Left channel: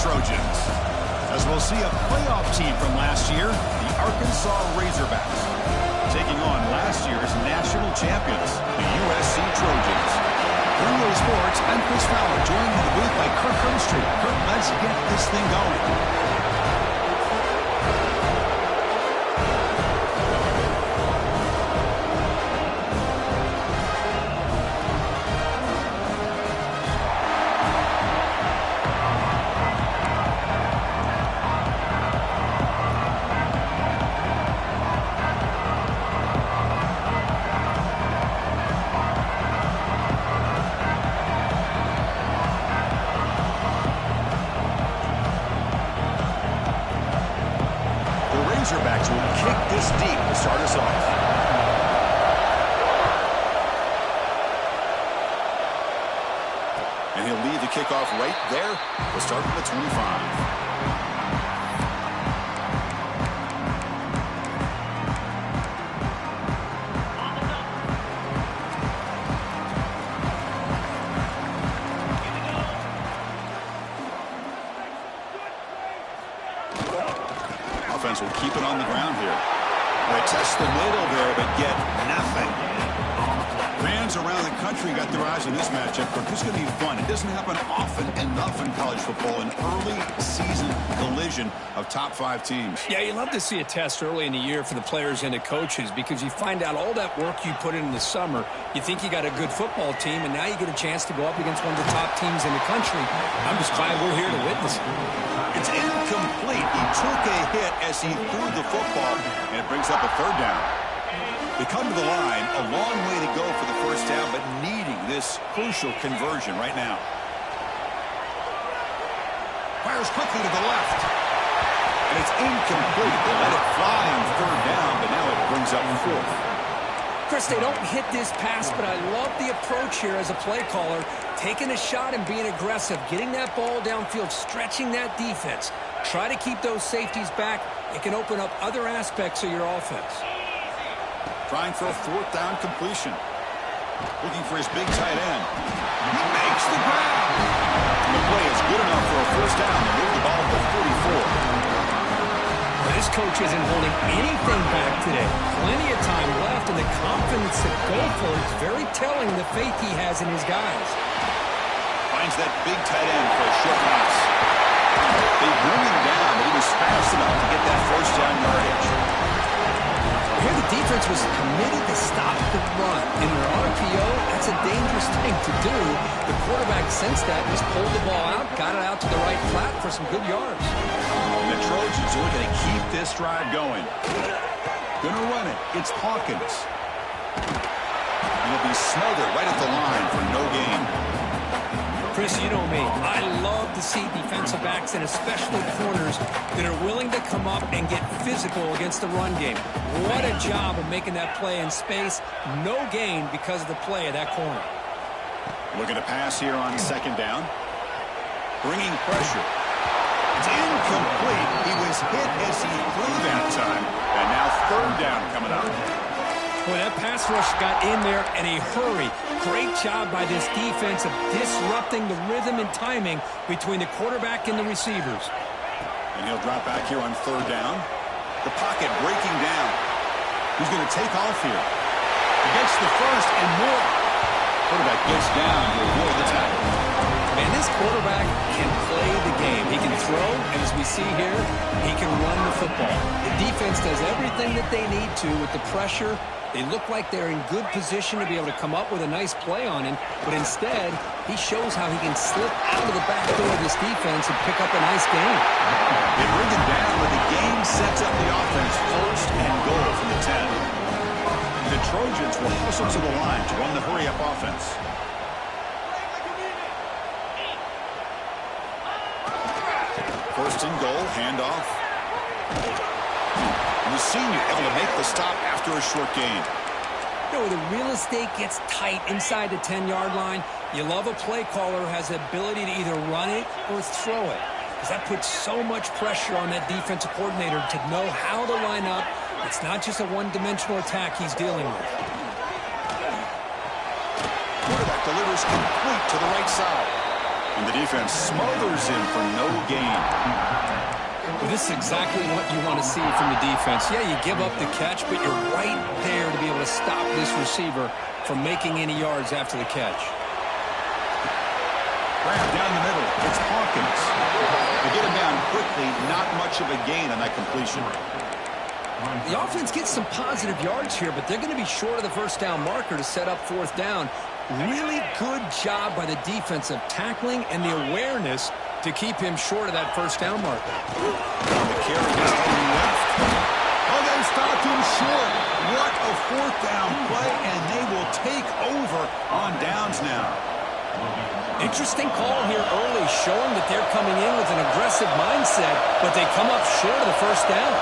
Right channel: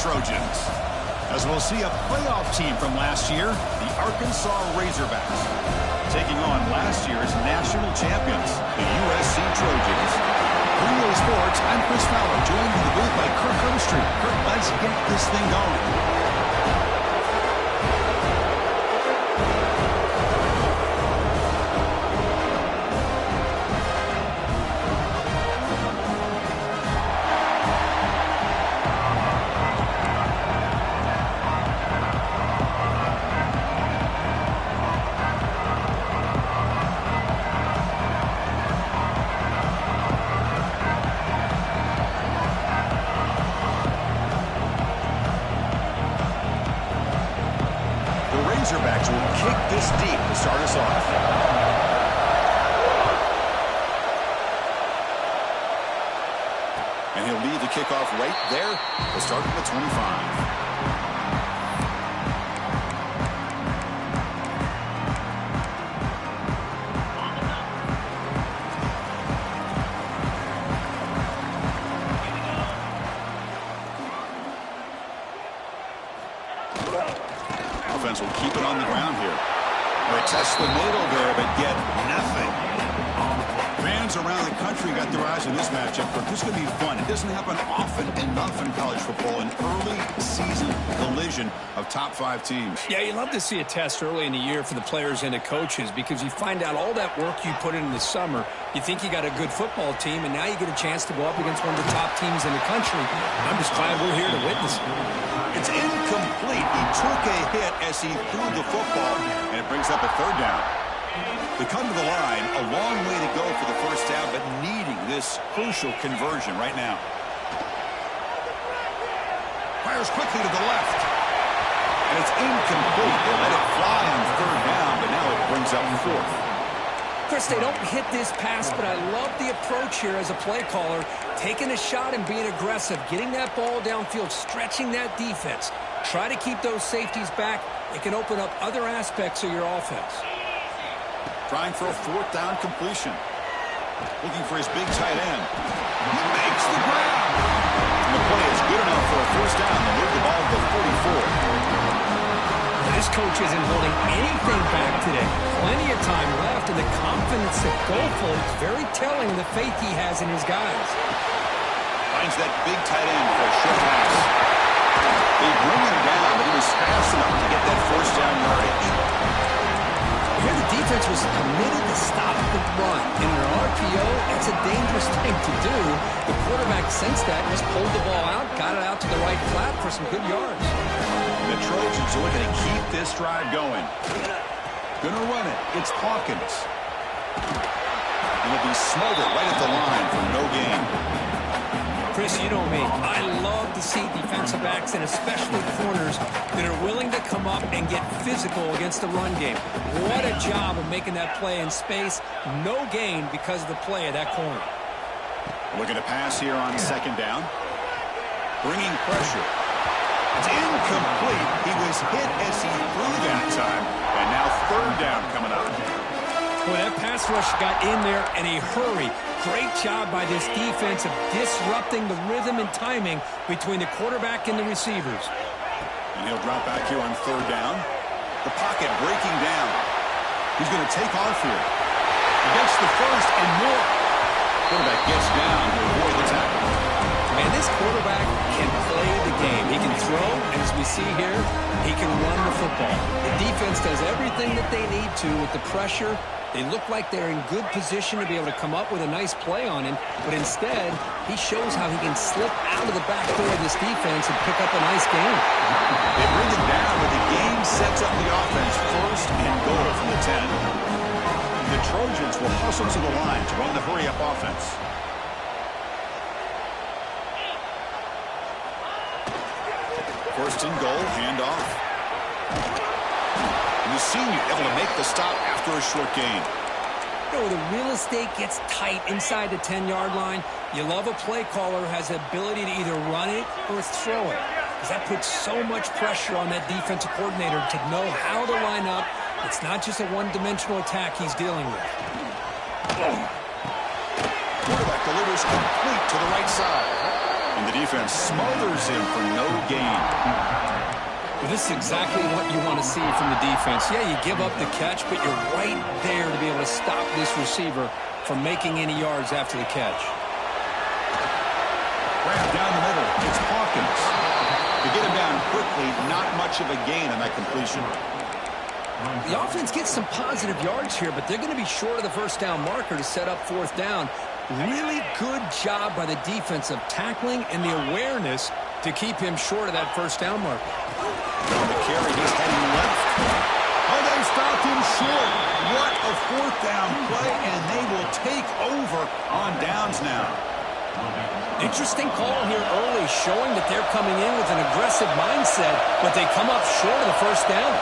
Trojans. As we'll see a playoff team from last year, the Arkansas Razorbacks, taking on last year's national champions, the USC Trojans. For EA Sports, I'm Chris Fowler, joined in the booth by Kirk Herbstreit. Kirk, let's get this thing going. Razorbacks will kick this deep to start us off. And he'll lead the kickoff right there to start at the 25. Offense will keep it on the ground here. They test the middle there, but get nothing. Fans around the country got their eyes on this matchup, but this is going to be fun. It doesn't happen often enough in college football, an early season collision of top 5 teams. Yeah, you love to see a test early in the year for the players and the coaches because you find out all that work you put in the summer. You think you got a good football team, and now you get a chance to go up against one of the top teams in the country. I'm just glad we're here to witness it. It's incomplete. He took a hit as he threw the football, and it brings up a 3rd down. They come to the line, a long way to go for the 1st down, but needing this crucial conversion right now. Fires quickly to the left. And it's incomplete. They let it fly on 3rd down, but now it brings up 4th. Chris, they don't hit this pass, but I love the approach here as a play caller, taking a shot and being aggressive, getting that ball downfield, stretching that defense. Try to keep those safeties back. It can open up other aspects of your offense. Trying for a 4th down completion. Looking for his big tight end. He makes the grab. And the play is good enough for a 1st down to move the ball to the 44. This coach isn't holding anything back today. Plenty of time left, and the confidence to go for it is very telling the faith he has in his guys. Finds that big tight end for a short pass. They bring him down, but he was fast enough to get that 1st down yardage. Here the defense was committed to stop the run. In an RPO, that's a dangerous thing to do. The quarterback sensed that, just pulled the ball out, got it out to the right flat for some good yards. The Trojans are looking to keep this drive going. Gonna run it. It's Hawkins. And he'll be smothered right at the line for no gain. Chris, you know me. I love to see defensive backs and especially corners that are willing to come up and get physical against the run game. What a job of making that play in space. No gain because of the play of that corner. Looking to pass here on 2nd down. Bringing pressure. It's incomplete. He was hit as he threw that time. And now 3rd down coming up. Boy, that pass rush got in there in a hurry. Great job by this defense of disrupting the rhythm and timing between the quarterback and the receivers. And he'll drop back here on 3rd down. The pocket breaking down. He's going to take off here. He gets the 1st and more. Quarterback gets down to avoid the tackle. Man, this quarterback can play the game. He can throw, and as we see here, he can run the football. The defense does everything that they need to with the pressure. They look like they're in good position to be able to come up with a nice play on him, but instead, he shows how he can slip out of the back door of this defense and pick up a nice gain. They bring him down, but the game sets up the offense 1st and goal from the 10. The Trojans will hustle to the line to run the hurry-up offense. First and goal, handoff. And the senior able to make the stop after a short gain. You know, the real estate gets tight inside the 10-yard line. You love a play caller who has the ability to either run it or throw it. Because that puts so much pressure on that defensive coordinator to know how to line up. It's not just a one-dimensional attack he's dealing with. Quarterback delivers complete to the right side. And the defense smothers him for no gain. Well, this is exactly what you want to see from the defense. Yeah, you give up the catch, but you're right there to be able to stop this receiver from making any yards after the catch. Grab down the middle. It's Hawkins. To get him down quickly, not much of a gain on that completion. The offense gets some positive yards here, but they're going to be short of the first down marker to set up fourth down. Really good job by the defense of tackling and the awareness to keep him short of that first down marker. On the carry, he's heading left. Oh, they stopped him short. What a fourth down play, and they will take over on downs now. Interesting call here early, showing that they're coming in with an aggressive mindset, but they come up short of the first down.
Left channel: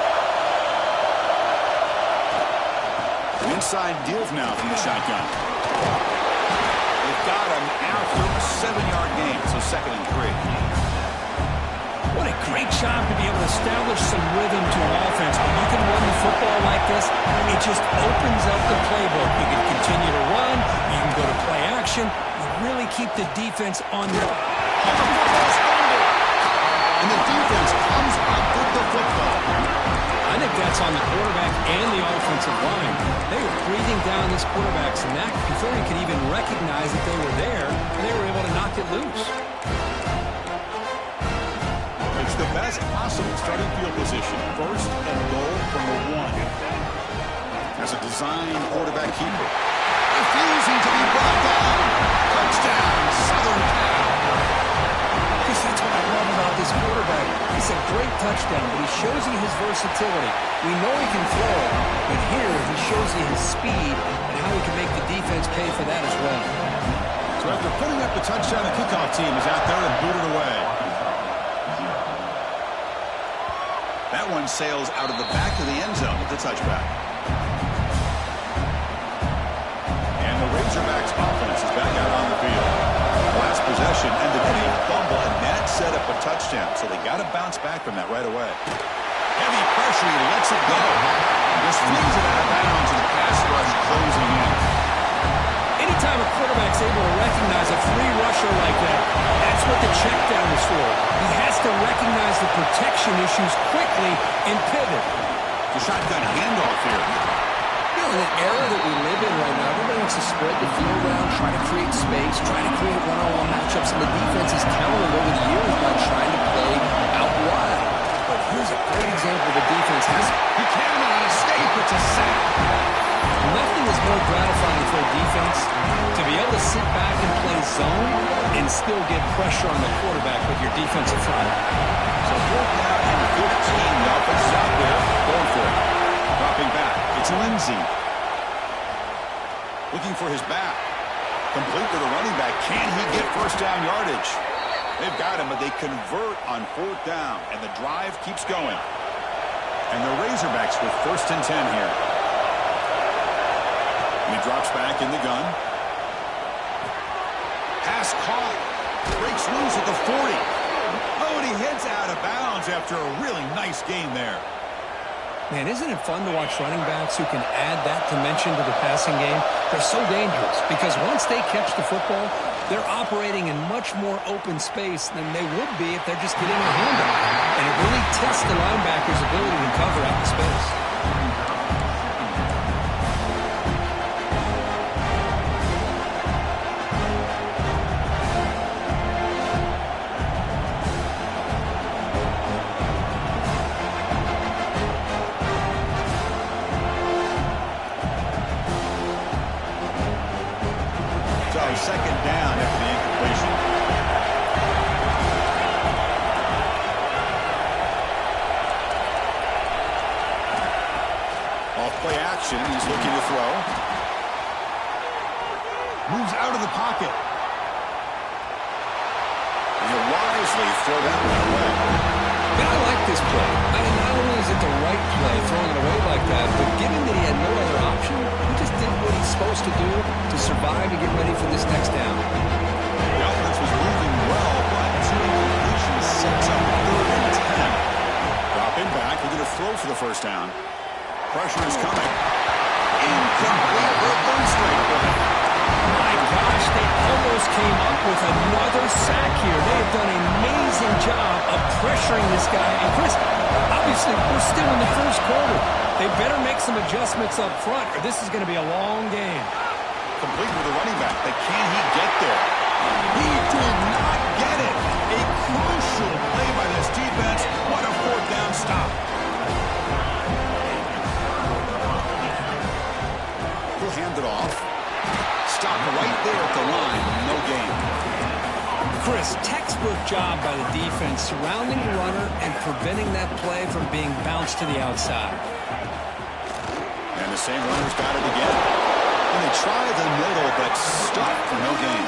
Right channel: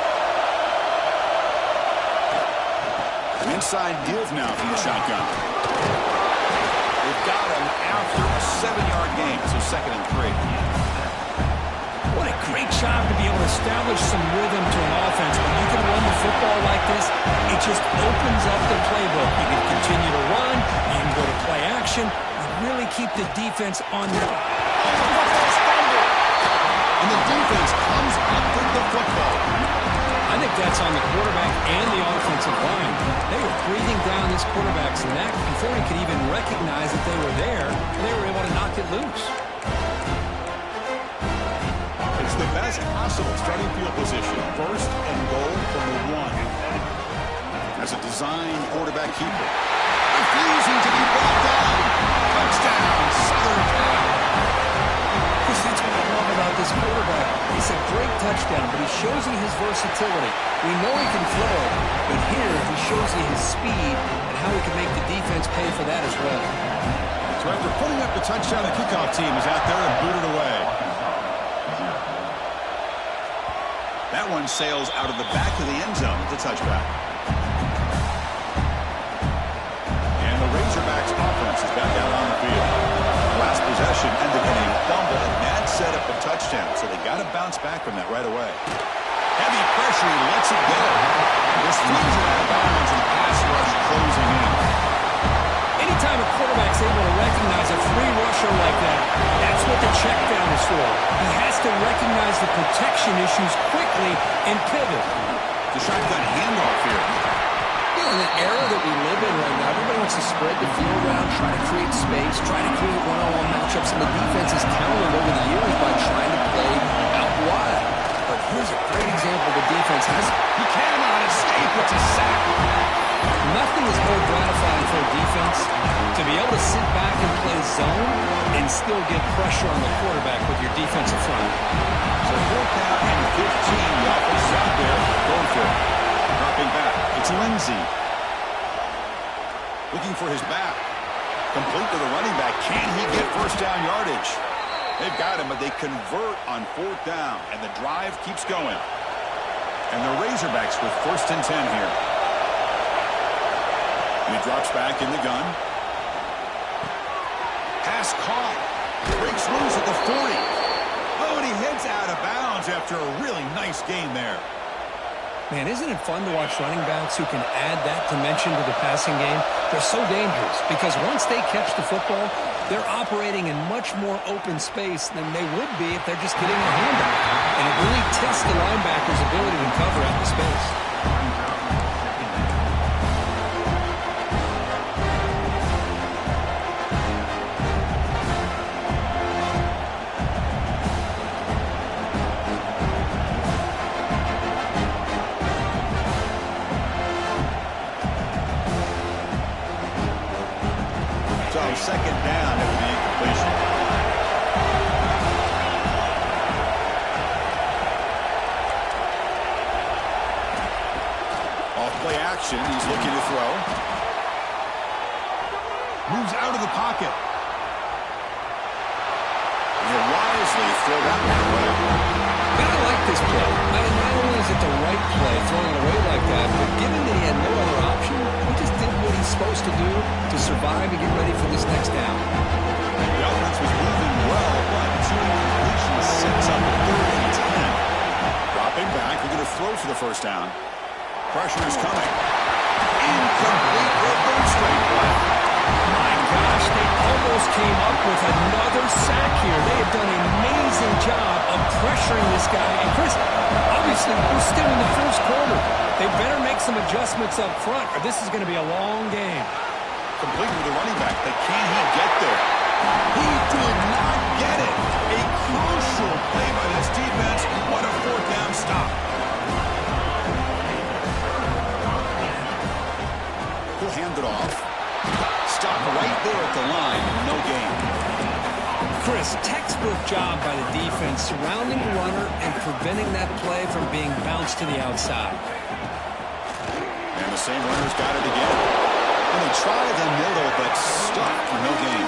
Inside give now from the shotgun. They've got him after a 7-yard gain, so 2nd and 3. What a great job to be able to establish some rhythm to an offense. When you can run the football like this, it just opens up the playbook. You can continue to run. You can go to play action. You really keep the defense on their... Oh, the football's fumbled. And the defense comes up with the football. I think that's on the quarterback and the offensive line. They were breathing down this quarterback's neck before he could even recognize that they were there, and they were able to knock it loose. It's the best possible starting field position. 1st and goal from the 1. As a designed quarterback keeper. Refusing to be brought down. Touchdown, Southern Cal. Chris, that's what I love about this quarterback. It's a great touchdown, but he shows you his versatility. We know he can throw it, but here he shows you his speed and how he can make the defense pay for that as well. So after putting up the touchdown, the kickoff team is out there and booted away. That one sails out of the back of the end zone at the touchback. And the Razorbacks offense is back out on the field. Last possession ended in a fumble, and that set up a touchdown. So they got to bounce back from that right away. Heavy pressure, he lets it go. Just flings it out of bounds, and the pass rush closing in. Anytime a quarterback's able to recognize a free rusher like that, that's what the check down is for. He has to recognize the protection issues quickly and pivot. The shotgun handoff here. You know, in the era that we live in right now, everybody wants to spread the field around, try to create space, try to create one-on-one matchups, and the defense has countered over the years by trying to play out wide. But here's a great example the defense has. He cannot escape. It's a sack. Nothing is more gratifying for a defense to be able to sit back and play zone and still get pressure on the quarterback with your defensive front. So 4th down and 15. The offense is out there going for it. Dropping back. It's Lindsey. Looking for his back. Complete to the running back. Can he get first down yardage? They've got him, but they convert on 4th down, and the drive keeps going. And the Razorbacks with 1st and 10 here. And he drops back in the gun. Pass caught. Breaks loose at the 40. Oh, and he heads out of bounds after a really nice game there. Man, isn't it fun to watch running backs who can add that dimension to the passing game? They're so dangerous because once they catch the football, they're operating in much more open space than they would be if they're just getting a handoff. And it really tests the linebacker's ability to cover out the space. So 2nd down after the incompletion. Off play action. He's looking to throw. Moves out of the pocket. And he'll wisely throw that one away. And I like this play. Not only is it the right play, throwing it away like that, but given that he had no other option, he just did what he's supposed to do to survive and get ready for this next down. The offense was moving well, but 2 incompletions sets up a 3rd and 10. Dropping back, we're going to throw for the first down. Pressure is coming. Incomplete for a 3rd straight play. My gosh, they almost came up with another sack here. They have done an amazing job of pressuring this guy. And Chris, obviously, we're still in the first quarter. They better make some adjustments up front, or this is going to be a long game. Complete with the running back, but can he get there? He did not get it. A crucial play by this defense. What a fourth down stop. He'll hand it off. Stop right there at the line. No gain. Chris, textbook job by the defense surrounding the runner and preventing that play from being bounced to the outside. And the same runner's got it again. And they try the middle, but stuck for no gain.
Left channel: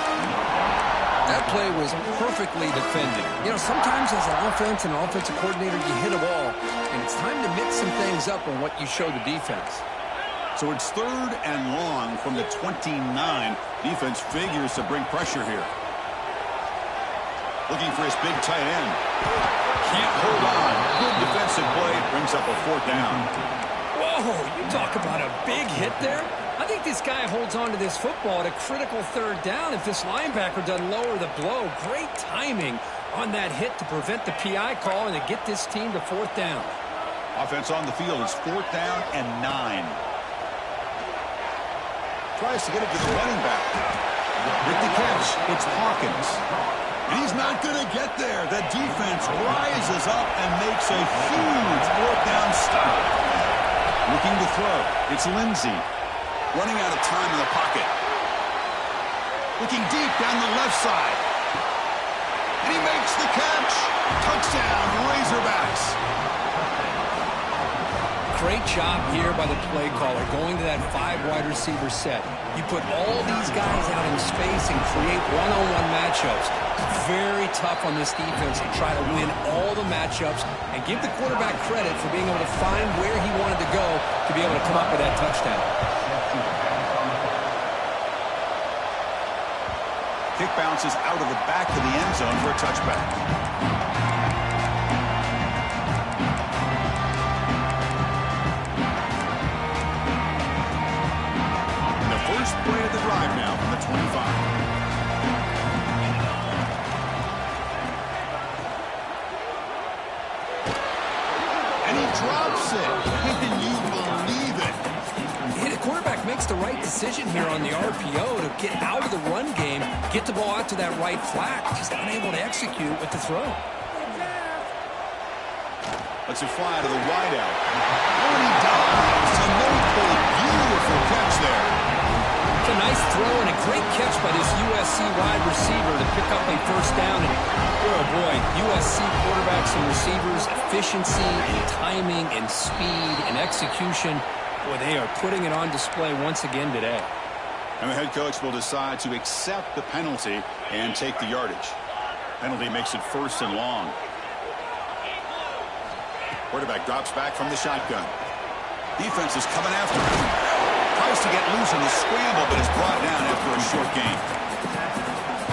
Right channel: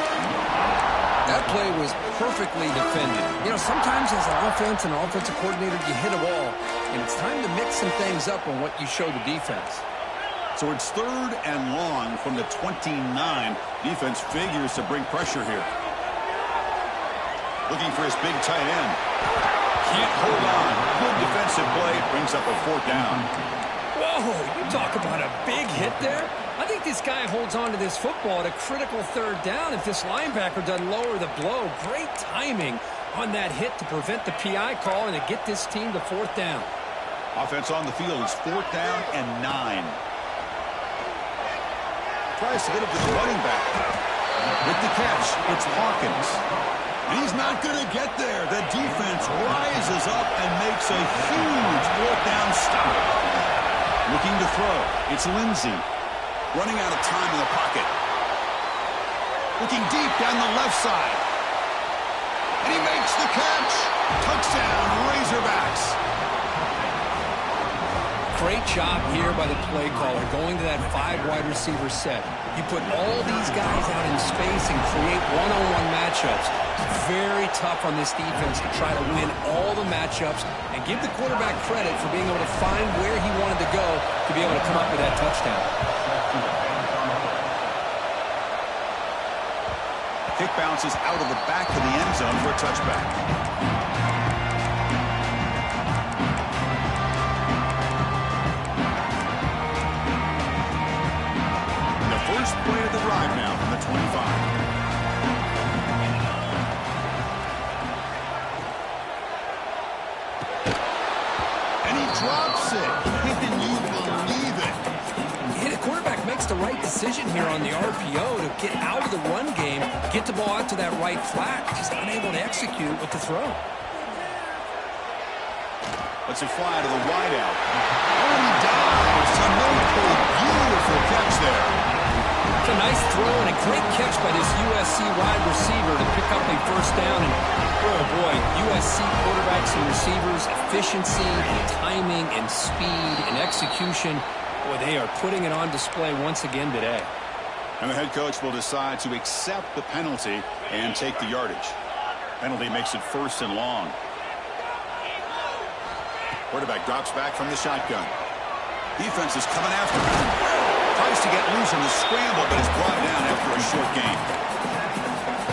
That play was perfectly defended. You know, sometimes as an offense and an offensive coordinator, you hit a ball, and it's time to mix some things up on what you show the defense. So it's 3rd and long from the 29. Defense figures to bring pressure here. Looking for his big tight end. Can't hold on. Good defensive play. Brings up a 4th down. Whoa, you talk about a big hit there. I think this guy holds on to this football at a critical 3rd down if this linebacker doesn't lower the blow. Great timing on that hit to prevent the PI call and to get this team to 4th down. Offense on the field is 4th down and 9. Tries to get it to the running back. With the catch, it's Hawkins. And he's not going to get there. The defense rises up and makes a huge 4th down stop. Looking to throw. It's Lindsey. Running out of time in the pocket. Looking deep down the left side. And he makes the catch. Touchdown, Razorbacks. Great job here by the play caller going to that 5 wide receiver set. You put all these guys out in space and create one-on-one matchups. Very tough on this defense to try to win all the matchups and give the quarterback credit for being able to find where he wanted to go to be able to come up with that touchdown. Kick bounces out of the back of the end zone for a touchback. First play of the drive now from the 25. And he drops it. Can you believe it? Yeah, the quarterback makes the right decision here on the RPO to get out of the run game, get the ball out to that right flat. Just unable to execute with the throw. Lets it fly to the wideout. Oh, and he dives to no pull. Beautiful catch there. It's a nice throw and a great catch by this USC wide receiver to pick up a 1st down. And, oh boy, USC quarterbacks and receivers, efficiency and timing and speed and execution. Boy, they are putting it on display once again today. And the head coach will decide to accept the penalty and take the yardage. Penalty makes it 1st and long. Quarterback drops back from the shotgun. Defense is coming after him. Tries to get loose in the scramble, but is brought down after a short gain.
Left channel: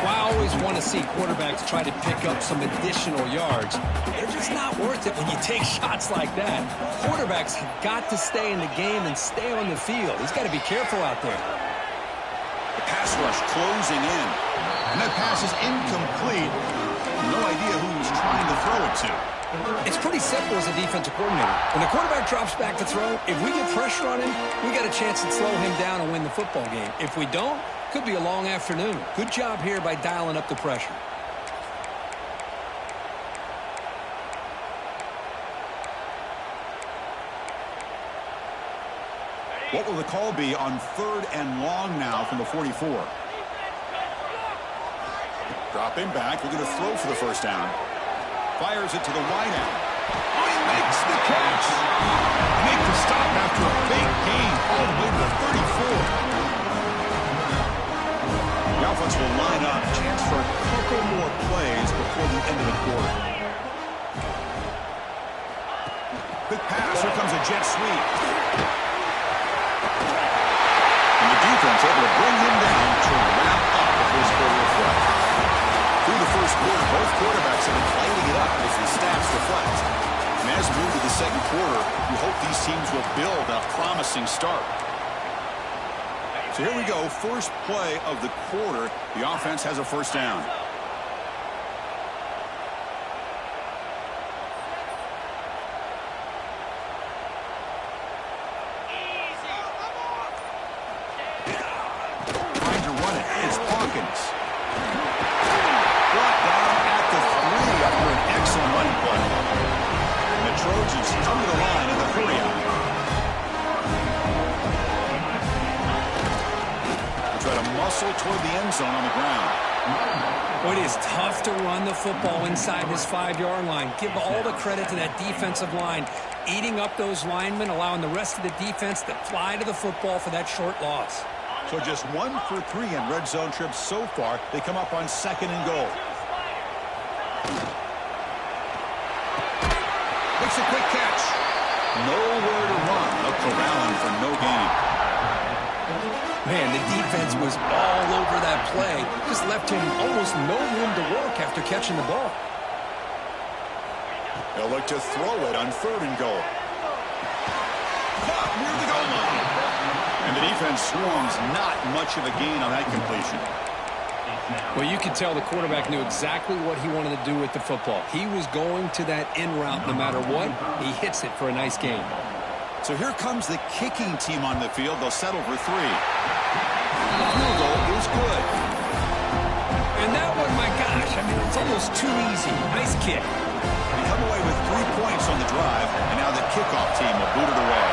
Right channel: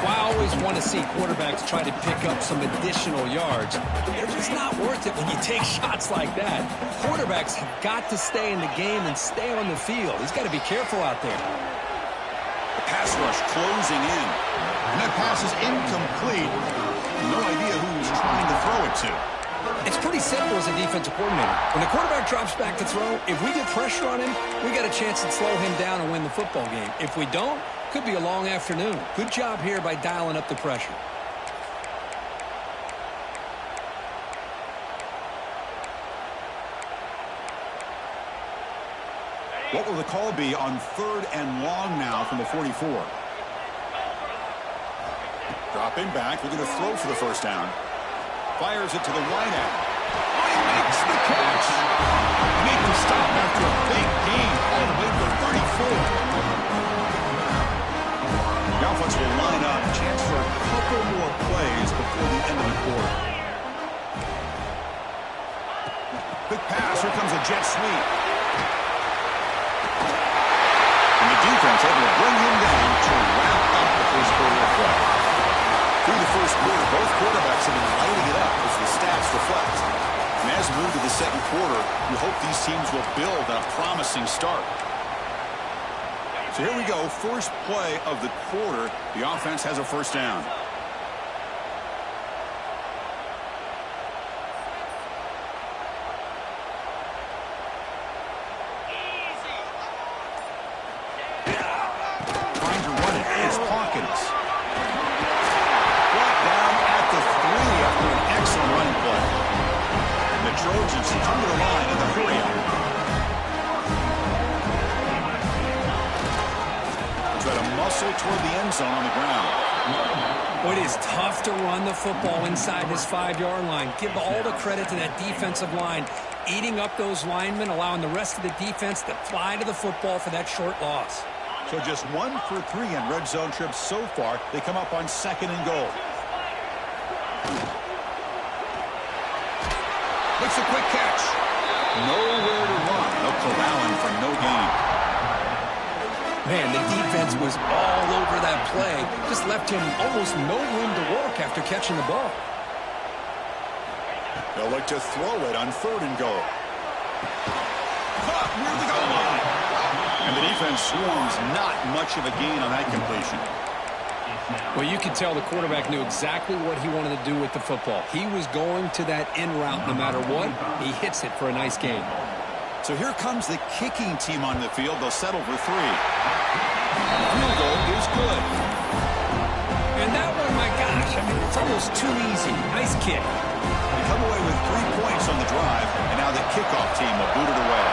Well, I always want to see quarterbacks try to pick up some additional yards. They're just not worth it when you take shots like that. Quarterbacks have got to stay in the game and stay on the field. He's got to be careful out there. The pass rush closing in. And that pass is incomplete. No idea who he's trying to throw it to. It's pretty simple as a defensive coordinator. When the quarterback drops back to throw, if we get pressure on him, we got a chance to slow him down and win the football game. If we don't, could be a long afternoon. Good job here by dialing up the pressure. What will the call be on 3rd and long now from the 44? Dropping back, looking to throw for the 1st down. Fires it to the wideout. Oh, he makes the catch. They make the stop after a big gain all the way to the 34. The offense will line up. Chance for a couple more plays before the end of the quarter. Quick pass. Here comes a jet sweep. And the defense able to bring him down to wrap up the first quarter of play. Through the first quarter, both quarterbacks have been lighting it up as the stats reflect. And as we move to the second quarter, we hope these teams will build a promising start. So here we go, first play of the quarter. The offense has a first down. Trying to run it is Hawkins. Brought down at the 3 after an excellent running play. And the Trojans come to the line in the hurry-up. Try to muscle toward the end zone on the ground. Boy, it is tough to run the football inside this 5-yard line. Give all the credit to that defensive line, eating up those linemen, allowing the rest of the defense to fly to the football for that short loss. So just 1 for 3 in red zone trips so far. They come up on 2nd and goal. Makes a quick catch. Nowhere to run. They'll corral him for no gain. Man, the defense was all over that play. Just left him almost no room to work after catching the ball. They'll look to throw it on 3rd and goal. Caught near the goal line. And the defense swarms not much of a gain on that completion. Well, you could tell the quarterback knew exactly what he wanted to do with the football. He was going to that in route no matter what. He hits it for a nice gain. So here comes the kicking team on the field. They'll settle for 3. The field goal is good. And that one, my gosh, I mean, it's almost too easy. Nice kick. They come away with 3 points on the drive, and now the kickoff team will boot it away.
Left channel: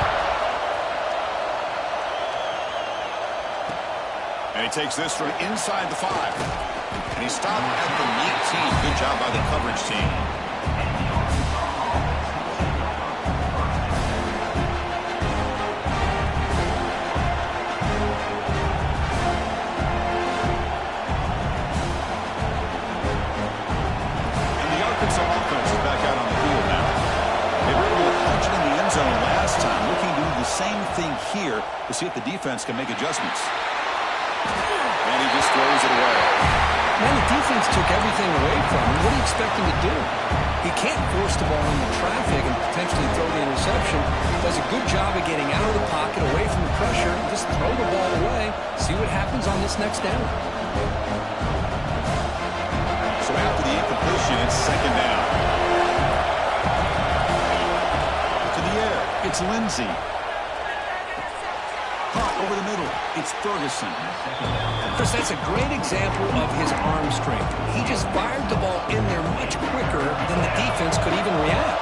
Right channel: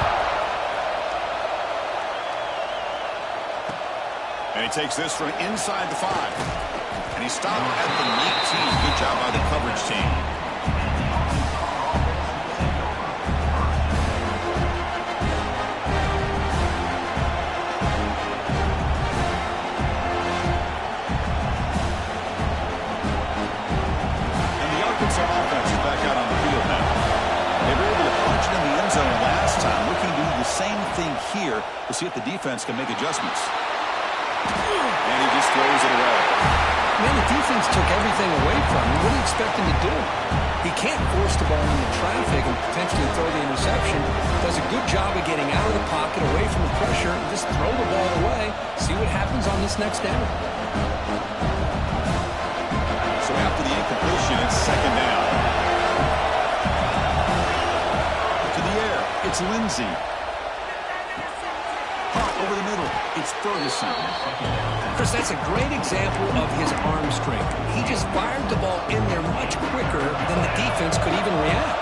And he takes this from inside the 5. And he stopped at the 19. Good job by the coverage team. Arkansas offense is back out on the field now. They were able to punch it in the end zone last time. Looking to do the same thing here. We'll see if the defense can make adjustments. And he just throws it away. Man, the defense took everything away from him. What do you expect him to do? He can't force the ball into traffic and potentially throw the interception. Does a good job of getting out of the pocket, away from the pressure, and just throw the ball away. See what happens on this next down. So after the incompletion, it's 2nd down. To the air, it's Lindsey. Caught over the middle, it's Ferguson. Chris, that's a great example of his arm strength. He just fired the ball in there much quicker than the defense could even react.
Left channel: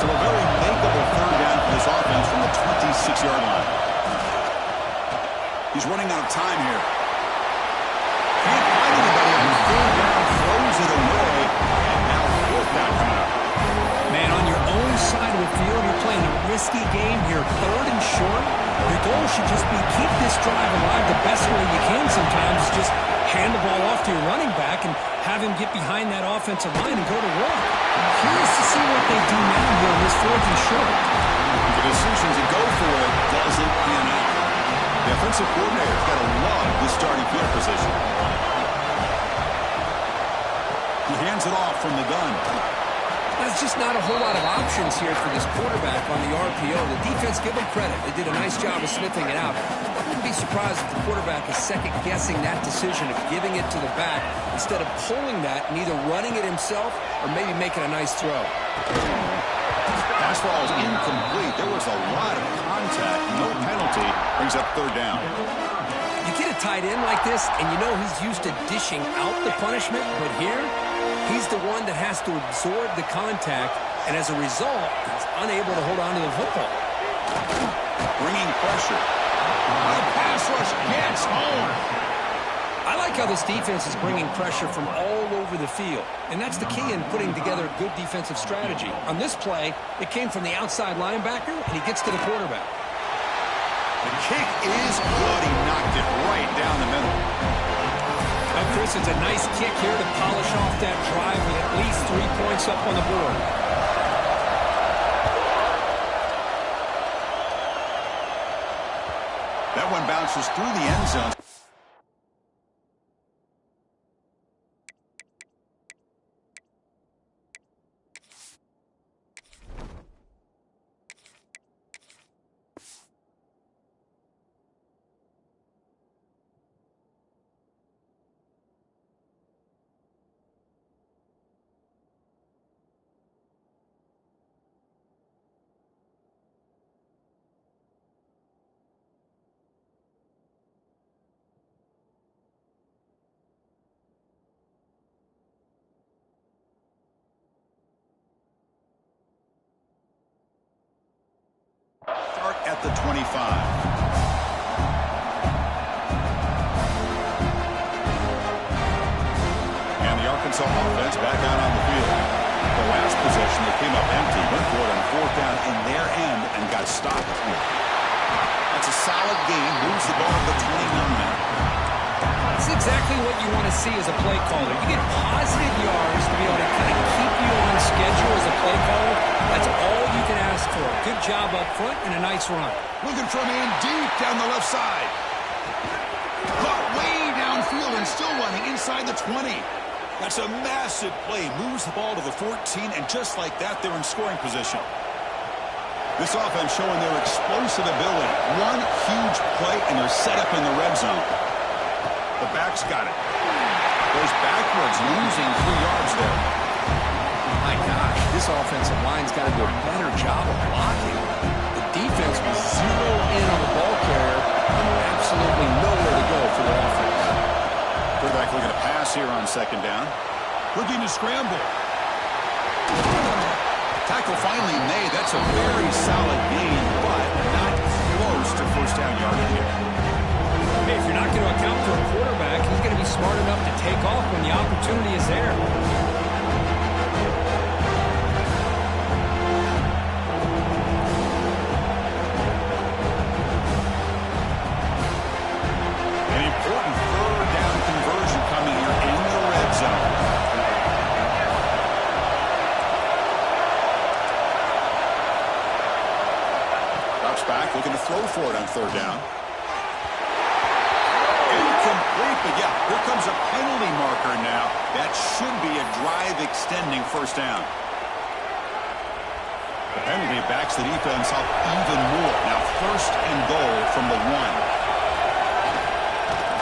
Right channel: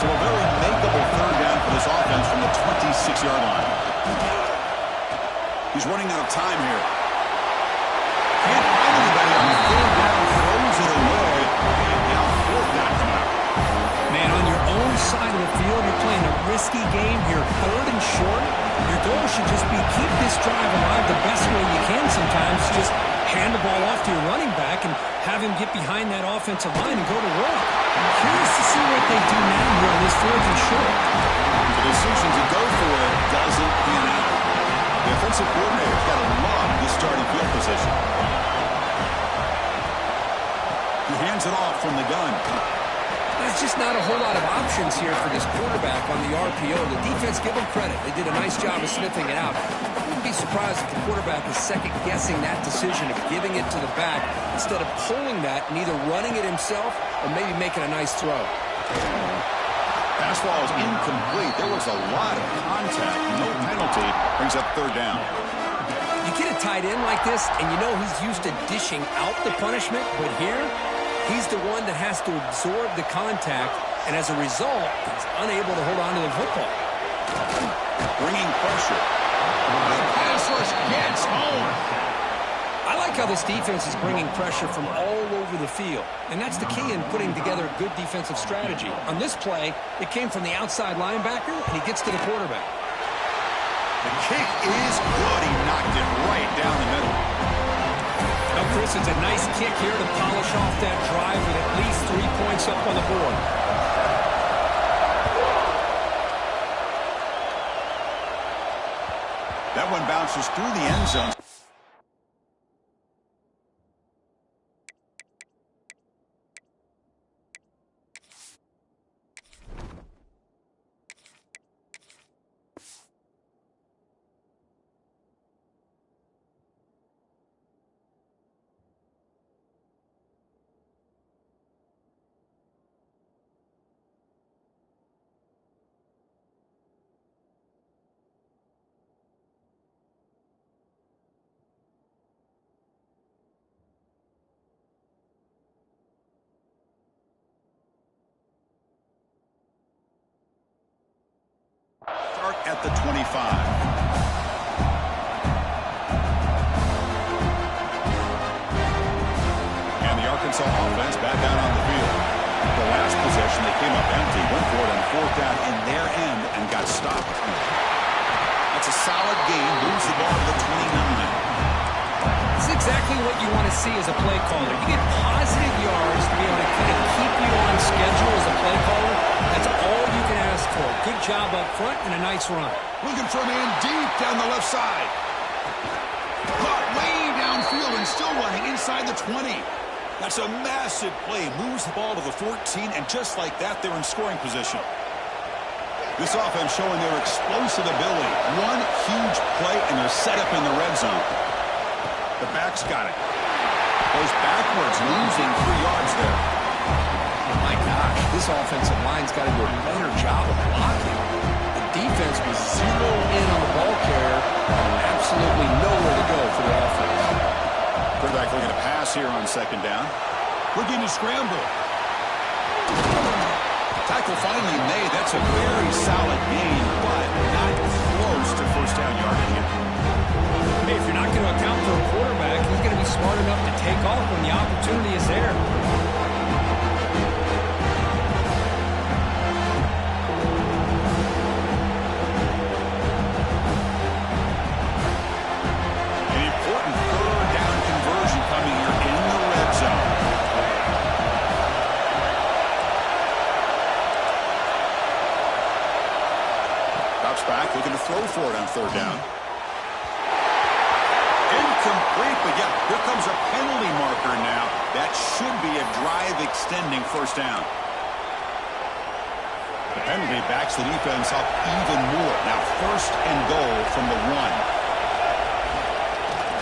So a very makeable 3rd down for this offense from the 26-yard line. He's running out of time here. Can't find anybody on 3rd down, throws it away, and now 4th down coming up. Man, on your own side of the field, you're playing a risky game here, 3rd and short. Your goal should just be keep this drive alive the best way you can sometimes. Just hand the ball off to your running back and have him get behind that offensive line and go to work. I'm curious to see what they do now here on this 4th and short. The decision to go for it doesn't pan out. The offensive coordinator's got to love this starting field position. He hands it off from the gun. There's just not a whole lot of options here for this quarterback on the RPO. The defense, give them credit. They did a nice job of sniffing it out. I wouldn't be surprised if the quarterback is second-guessing that decision of giving it to the back instead of pulling that and either running it himself or maybe making a nice throw. Pass ball is incomplete. There was a lot of contact. No penalty. Brings up 3rd down. You get a tight end like this, and you know he's used to dishing out the punishment, but here, he's the one that has to absorb the contact, and as a result, he's unable to hold on to the football. Bringing pressure. The pass rush gets home. I like how this defense is bringing pressure from all over the field, and that's the key in putting together a good defensive strategy. On this play, it came from the outside linebacker, and he gets to the quarterback. The kick is good. He knocked it right down the middle. Now, Chris, it's a nice kick here to polish off that drive with at least 3 points up on the board. That one bounces through the end zone. at the 25. And the Arkansas offense back out on the field. The last possession, they came up empty, went for it on 4th down in their end and got stopped. That's a solid gain, moves the ball to the 29. It's exactly what you want to see as a play caller. You get positive yards to be able to kind of keep you on schedule as a play caller. That's all you can ask for. Good job up front and a nice run. Looking for a man deep down the left side. Caught way downfield and still running inside the 20. That's a massive play. Moves the ball to the 14, and just like that, they're in scoring position. This offense showing their explosive ability. One huge play, and they're set up in the red zone. The back's got it. Goes backwards, losing 3 yards there. My gosh, this offensive line's got to do a better job of blocking. The defense was zeroed in on the ball carrier and absolutely nowhere to go for the offense. Quarterback looking to pass here on 2nd down. Looking to scramble. Tackle finally made. That's a very solid gain, but not close to 1st down yardage here. Hey, if you're not going to account for a quarterback, he's going to be smart enough to take off when the opportunity is there. An important 3rd down conversion coming here in the red zone. Drops back, looking to throw for it on 3rd down. Incomplete, but yeah, here comes a penalty marker now. That should be a drive-extending 1st down. The penalty backs the defense up even more. Now 1st and goal from the 1.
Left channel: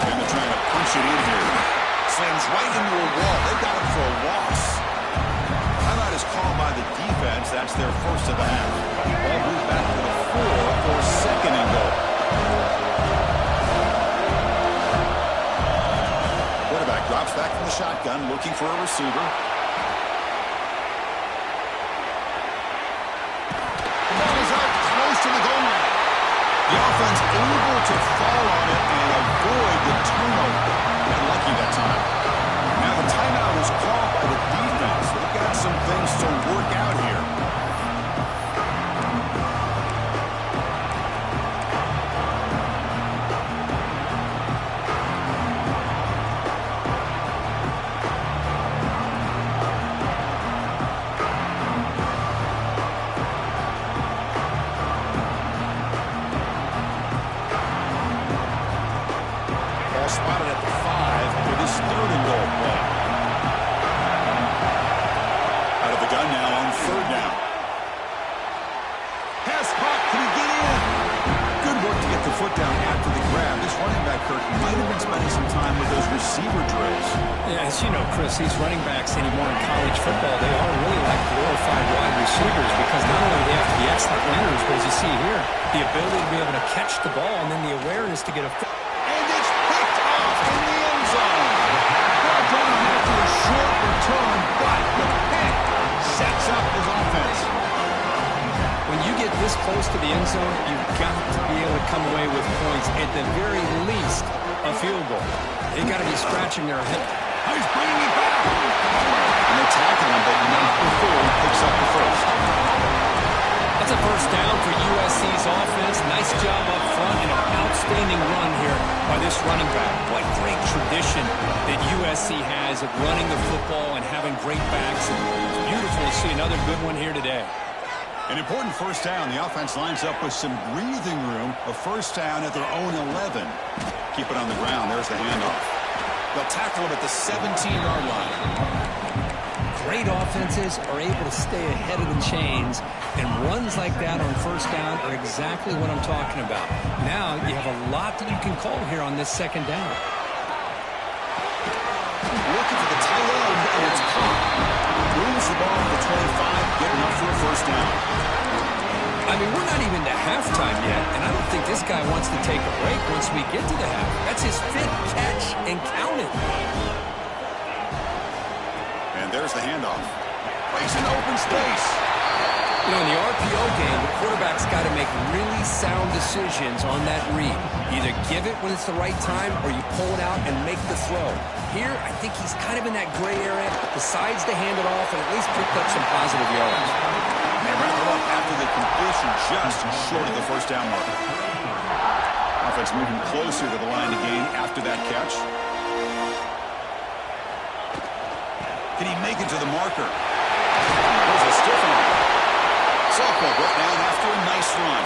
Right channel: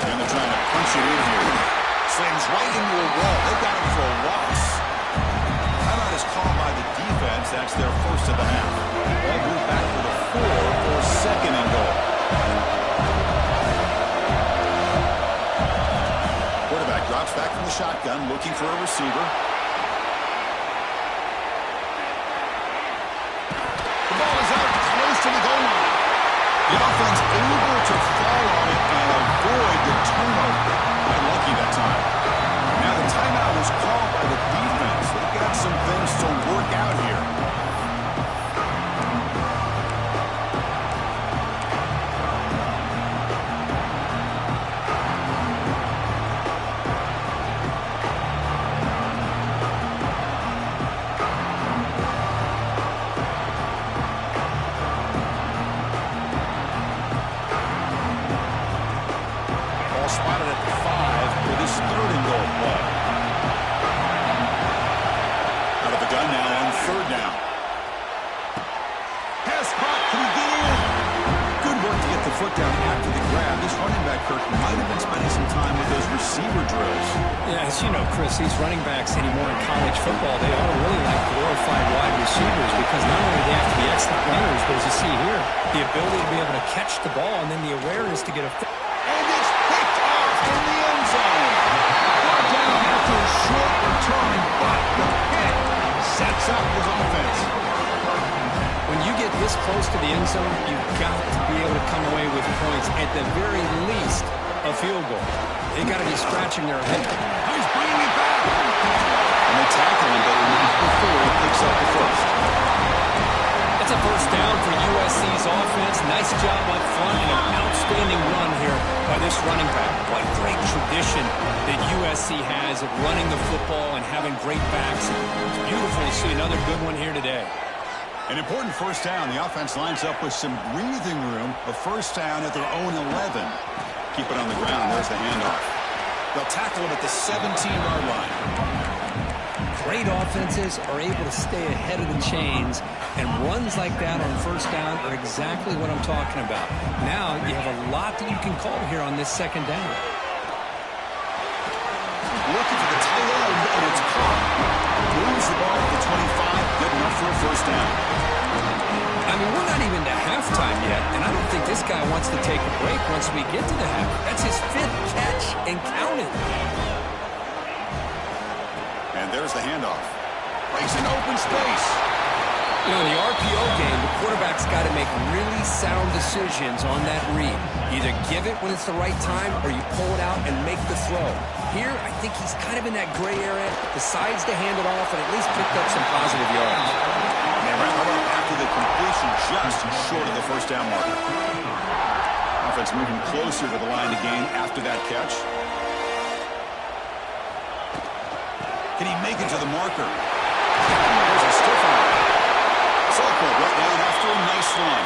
And they're trying to punch it in here. Slams right into a wall. They've got him for a loss. Timeout is called by the defense. That's their 1st of the half. Ball moved back to the 4 for 2nd and goal. Quarterback drops back from the shotgun, looking for a receiver. The ball is out close to the goal line. The offense able to fall on it and avoid the turnover. Got lucky that time. Now the timeout is called by the defense. They've got some things to work out here. Spotted at the 5 for this 3rd and goal play. Out of the gun now on 3rd down. Pass caught. Can he get in? Good work to get the foot down after the grab. This running back, Kirk, might have been spending some time with those receiver drills. Yeah, as you know, Chris, these running backs anymore in college football, they are really like glorified wide receivers because not only do they have to be excellent runners, but as you see here, the ability to be able to catch the ball and then the awareness to get a foot. And it's picked off in the end zone. Brought down after a short return, but the pick sets up his offense. When you get this close to the end zone, you've got to be able to come away with points, at the very least, a field goal. They've got to be scratching their head. He's bringing it back. And they tackle him, but not before he picks up the 1st. That's a 1st down for USC's offense. Nice job up front and an outstanding run here by this running back. What great tradition that USC has of running the football and having great backs. It's beautiful to see another good one here today. An important 1st down. The offense lines up with some breathing room. A 1st down at their own 11. Keep it on the ground. There's the handoff. They'll tackle him at the 17-yard line. Great offenses are able to stay ahead of the chains, and runs like that on 1st down are exactly what I'm talking about. Now you have a lot that you can call here on this 2nd down. Looking for the tight end, and it's caught. Moves the ball to the 25, good enough for a 1st down. I mean, we're not even to halftime yet, and I don't think this guy wants to take a break once we get to the half. That's his 5th catch and counting. And there's the handoff. Breaks in open space. You know, in the RPO game, the quarterback's got to make really sound decisions on that read. Either give it when it's the right time or you pull it out and make the throw. Here, I think he's kind of in that gray area, decides to hand it off and at least picked up some positive yards. They wrap it up after the completion just short of the first down marker. Offense moving closer to the line to gain after that catch. Can he make it to the marker? There's a stiff arm. Softball brought down after a nice run.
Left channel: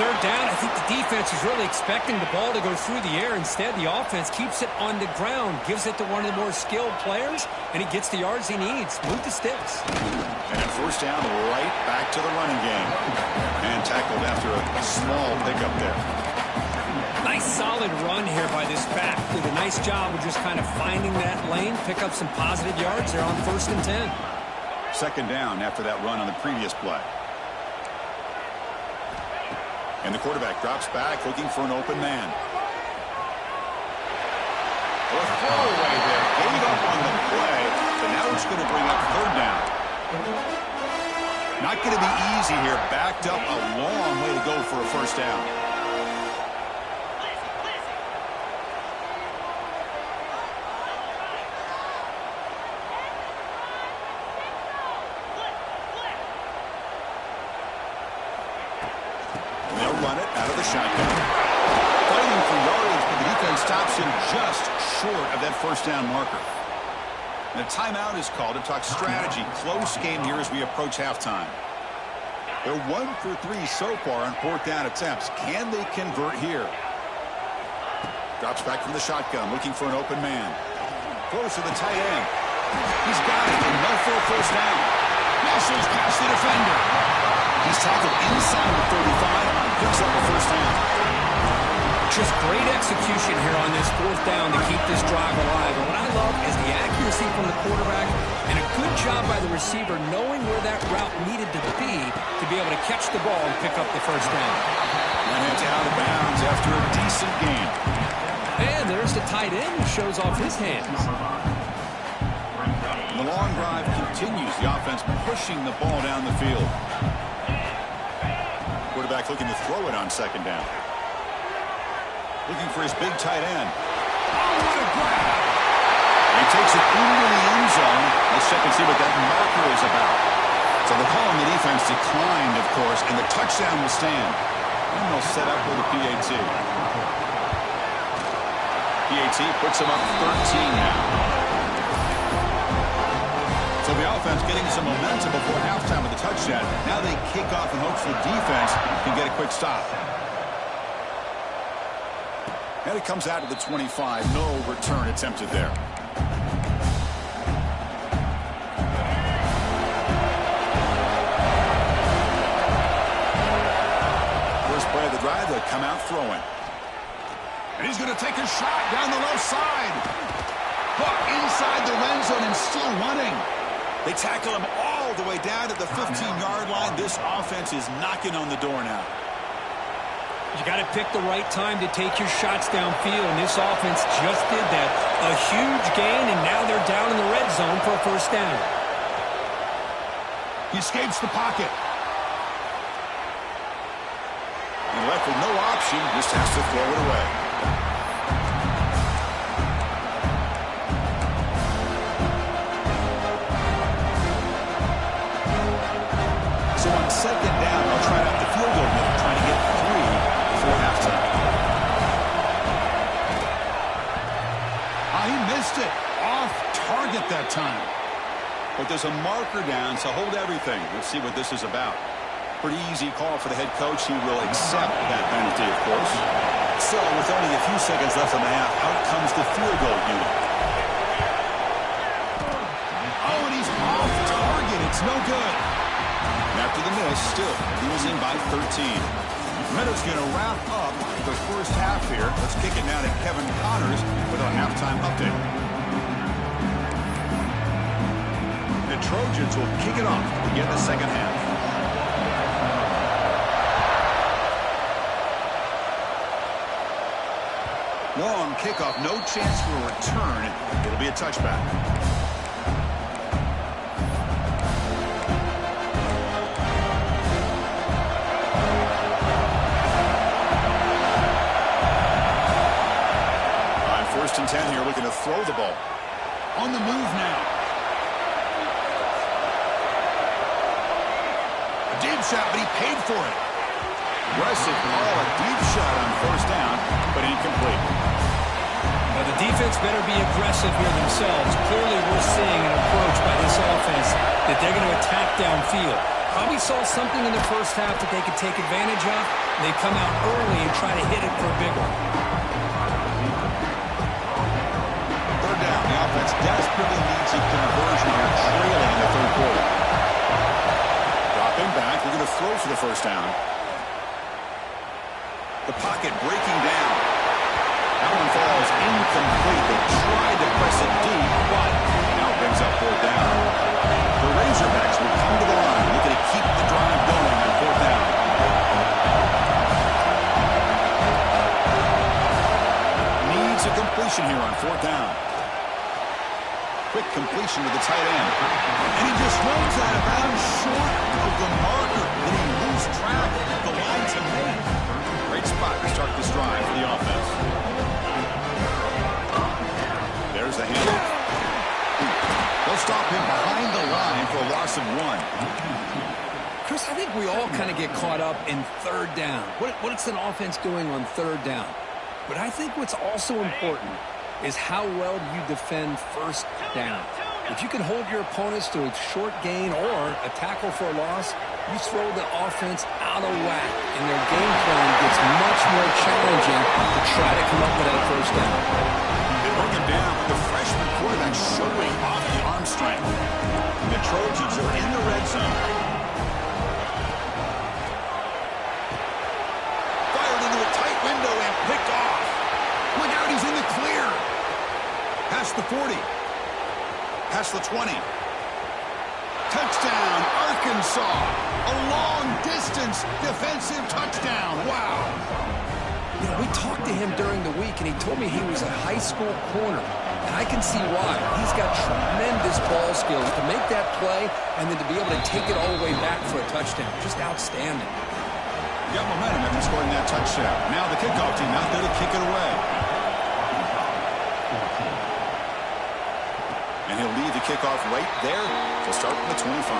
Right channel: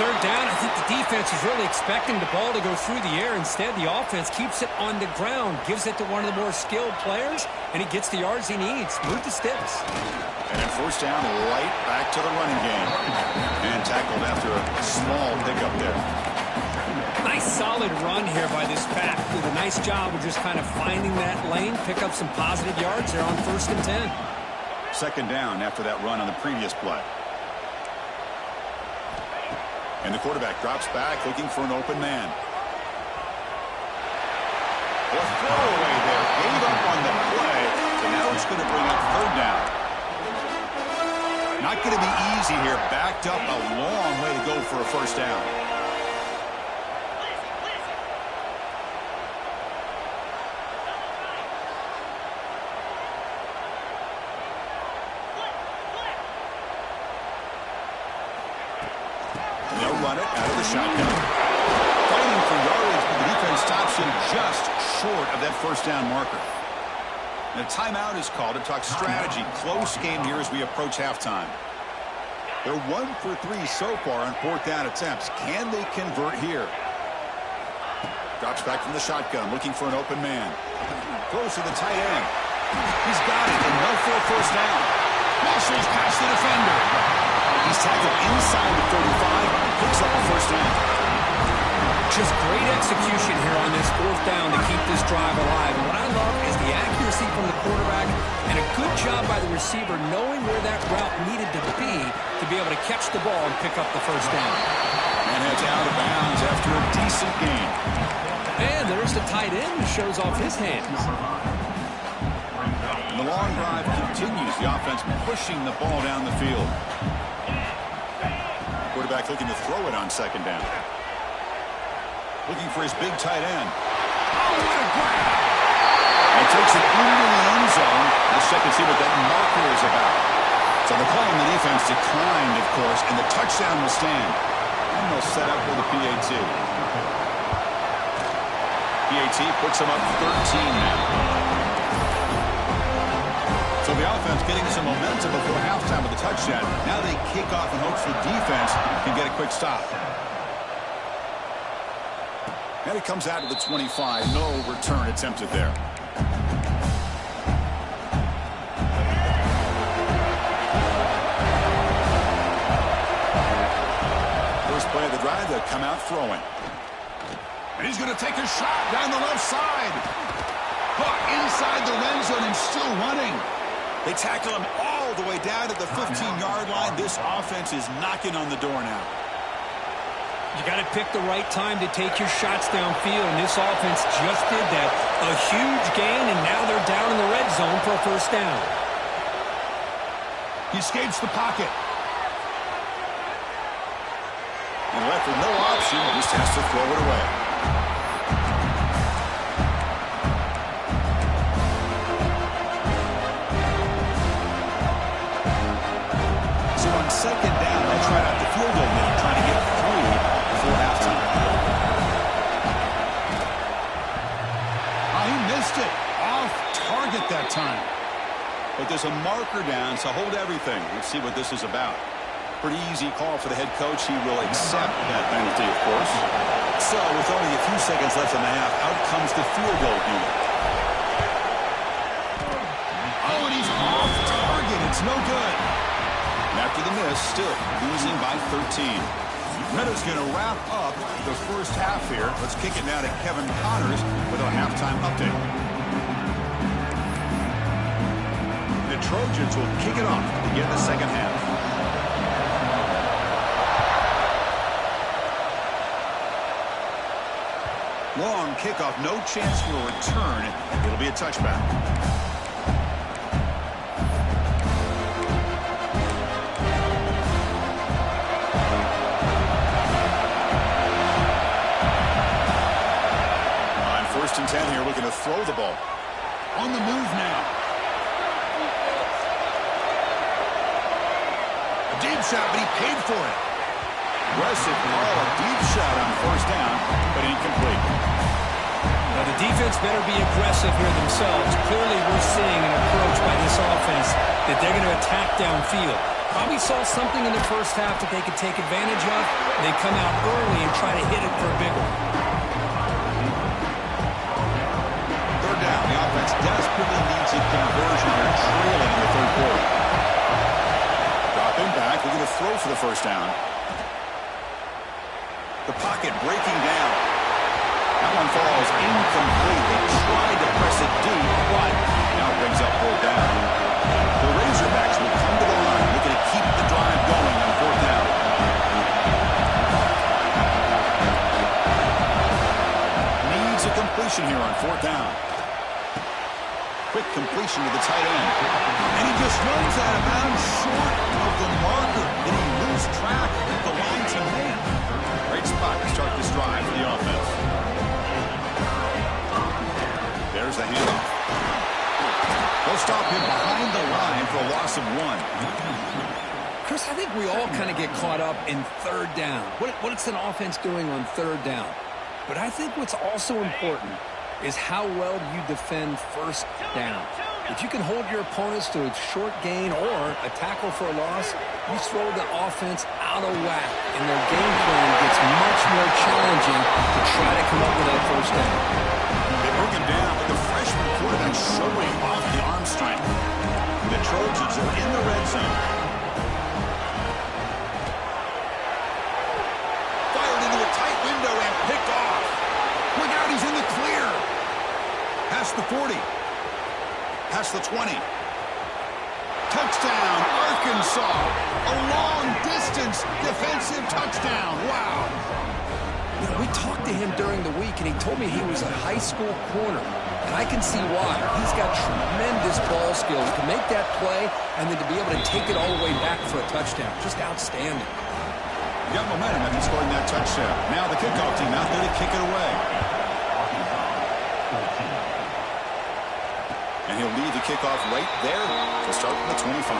Third down, I think the defense is really expecting the ball to go through the air. Instead, the offense keeps it on the ground, gives it to one of the more skilled players, and he gets the yards he needs. Move the sticks. And then first down, right back to the running game. And tackled after a small pickup there. Nice solid run here by this back. Did a nice job of just kind of finding that lane, pick up some positive yards there on 1st and 10. Second down after that run on the previous play. And the quarterback drops back looking for an open man. A throwaway there. Gave up on the play, but now it's going to bring up third down. Not going to be easy here. Backed up a long way to go for a first down. Run it out of the shotgun. Fighting for yardage, but the defense stops him just short of that first down marker. And a timeout is called to talk strategy. Close game here as we approach halftime. They're 1 for 3 so far on 4th down attempts. Can they convert here? Drops back from the shotgun, looking for an open man. Throws to the tight end. He's got it, and no for a first down. Muscles past the defender. He's tackled inside the 35, picks up a first down. Just great execution here on this 4th down to keep this drive alive. And what I love is the accuracy from the quarterback and a good job by the receiver knowing where that route needed to be able to catch the ball and pick up the first down. And it's out of bounds after a decent gain. And there's the tight end who shows off his hands. The long drive continues. The offense pushing the ball down the field. Quarterback looking to throw it on second down. Looking for his big tight end. Oh, what a grab! He takes it into the end zone. Let's check and see what that marker is about. So the call on the defense declined, of course, and the touchdown will stand. And they'll set up with a PAT. PAT puts them up 13 now. So the offense getting some momentum before halftime with the touchdown. Now they kick off in hopes the defense can get a quick stop. And it comes out to the 25. No return attempted there. First play of the drive, they come out throwing. And he's going to take a shot down the left side. Hook inside the red zone and still running. They tackle him all the way down to the 15-yard line. This offense is knocking on the door now. You got to pick the right time to take your shots downfield, and this offense just did that. A huge gain, and now they're down in the red zone for a first down. He escapes the pocket. And left with no option, just has to throw it away. So on second down, they'll try out the field goal unit, trying to get 3 before halftime. He missed it. Off target that time. But there's a marker down, so hold everything. Let's see what this is about. Pretty easy call for the head coach. He will accept that penalty, of course. So with only a few seconds left in the half, out comes the field goal unit. Oh, and he's off target. It's no good. After the miss, still losing by 13. Meadows going to wrap up the first half here. Let's kick it now to Kevin Connors with a halftime update. The Trojans will kick it off to begin the second half. Long kickoff, no chance for a return. It'll be a touchback. 10 here looking to throw the ball. On the move now. A deep shot, but he paid for it. Aggressive call, a deep shot on first down, but incomplete. Now the defense better be aggressive here themselves. Clearly we're seeing an approach by this offense that they're going to attack downfield. Probably saw something in the first half that they could take advantage of. They come out early and try to hit it for a big one. Third down. The offense desperately needs a conversion here, trailing in the third quarter. Dropping back. They're going to throw for the first down. The pocket breaking down. That one falls incomplete. They tried to press it deep, but now it brings up fourth down. The Razorbacks will come to the line, looking to keep the drive going on fourth down. Needs a completion here on fourth down. Quick completion to the tight end. And he just runs out of bounds short of the marker. Did he lose track of the line to make? Great spot to start this drive for the offense. There's the handoff. They'll stop him behind the line for a loss of 1. Chris, I think we all kind of get caught up in third down. What's an offense doing on third down? But I think what's also important is how well you defend first down. If you can hold your opponents to a short gain or a tackle for a loss, you throw the offense out of whack, and their game plan gets much more challenging to try to come up with that first down. They bring him down, but the freshman quarterback showing off the arm strength. And the Trojans are in the red zone. Fired into a tight window and picked off. Look out, he's in the clear. Past the 40. Past the 20. Touchdown, Arkansas. A long-distance defensive touchdown. Wow. You know, we talked to him during the week, and he told me he was a high school corner. And I can see why. He's got tremendous ball skills to make that play and then to be able to take it all the way back for a touchdown. Just outstanding. Got momentum after scoring that touchdown. Now the kickoff team out there to kick it away. And he'll lead the kickoff right there to start from the 25.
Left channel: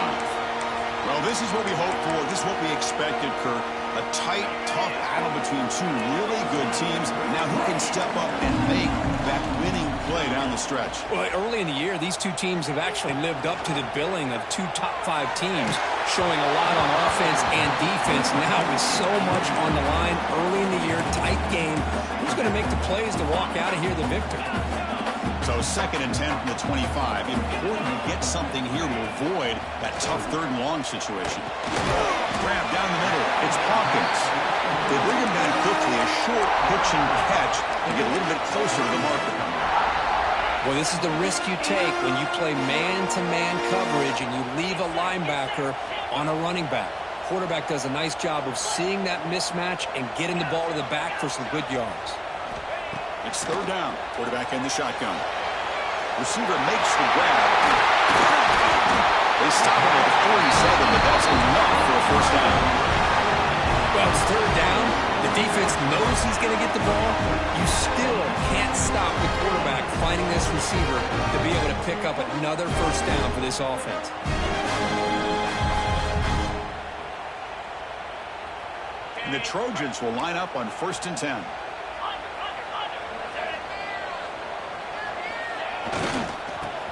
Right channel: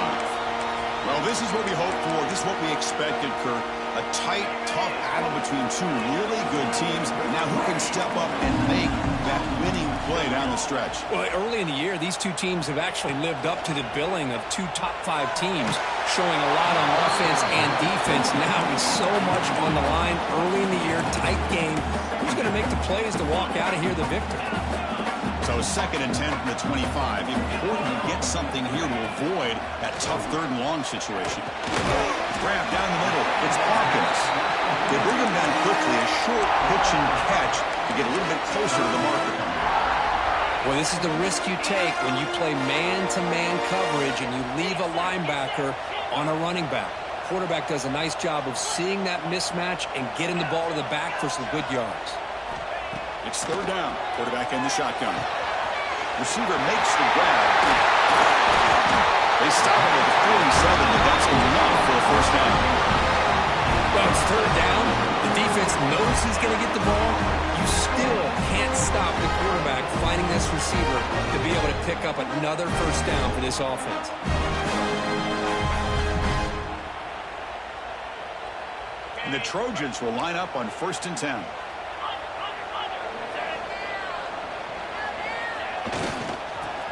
Well, this is what we hoped for. This is what we expected, Kurt. A tight, tough battle between two really good teams. Now who can step up and make that winning play down the stretch? Well, early in the year, these two teams have actually lived up to the billing of two top-5 teams, showing a lot on offense and defense. Now with so much on the line early in the year, tight game, who's going to make the plays to walk out of here the victor? So 2nd and 10 from the 25. Important to get something here to avoid that tough 3rd and long situation. Grab down the middle. It's Hawkins. They bring him down quickly. A short pitch and catch to get a little bit closer to the marker. Well, this is the risk you take when you play man-to-man coverage and you leave a linebacker on a running back. Quarterback does a nice job of seeing that mismatch and getting the ball to the back for some good yards. It's 3rd down. Quarterback in the shotgun. Receiver makes the grab. They stop him at the 47, but that's enough for a first down. Well, it's 3rd down. The defense knows he's going to get the ball. You still can't stop the quarterback finding this receiver to be able to pick up another first down for this offense. And the Trojans will line up on 1st and 10.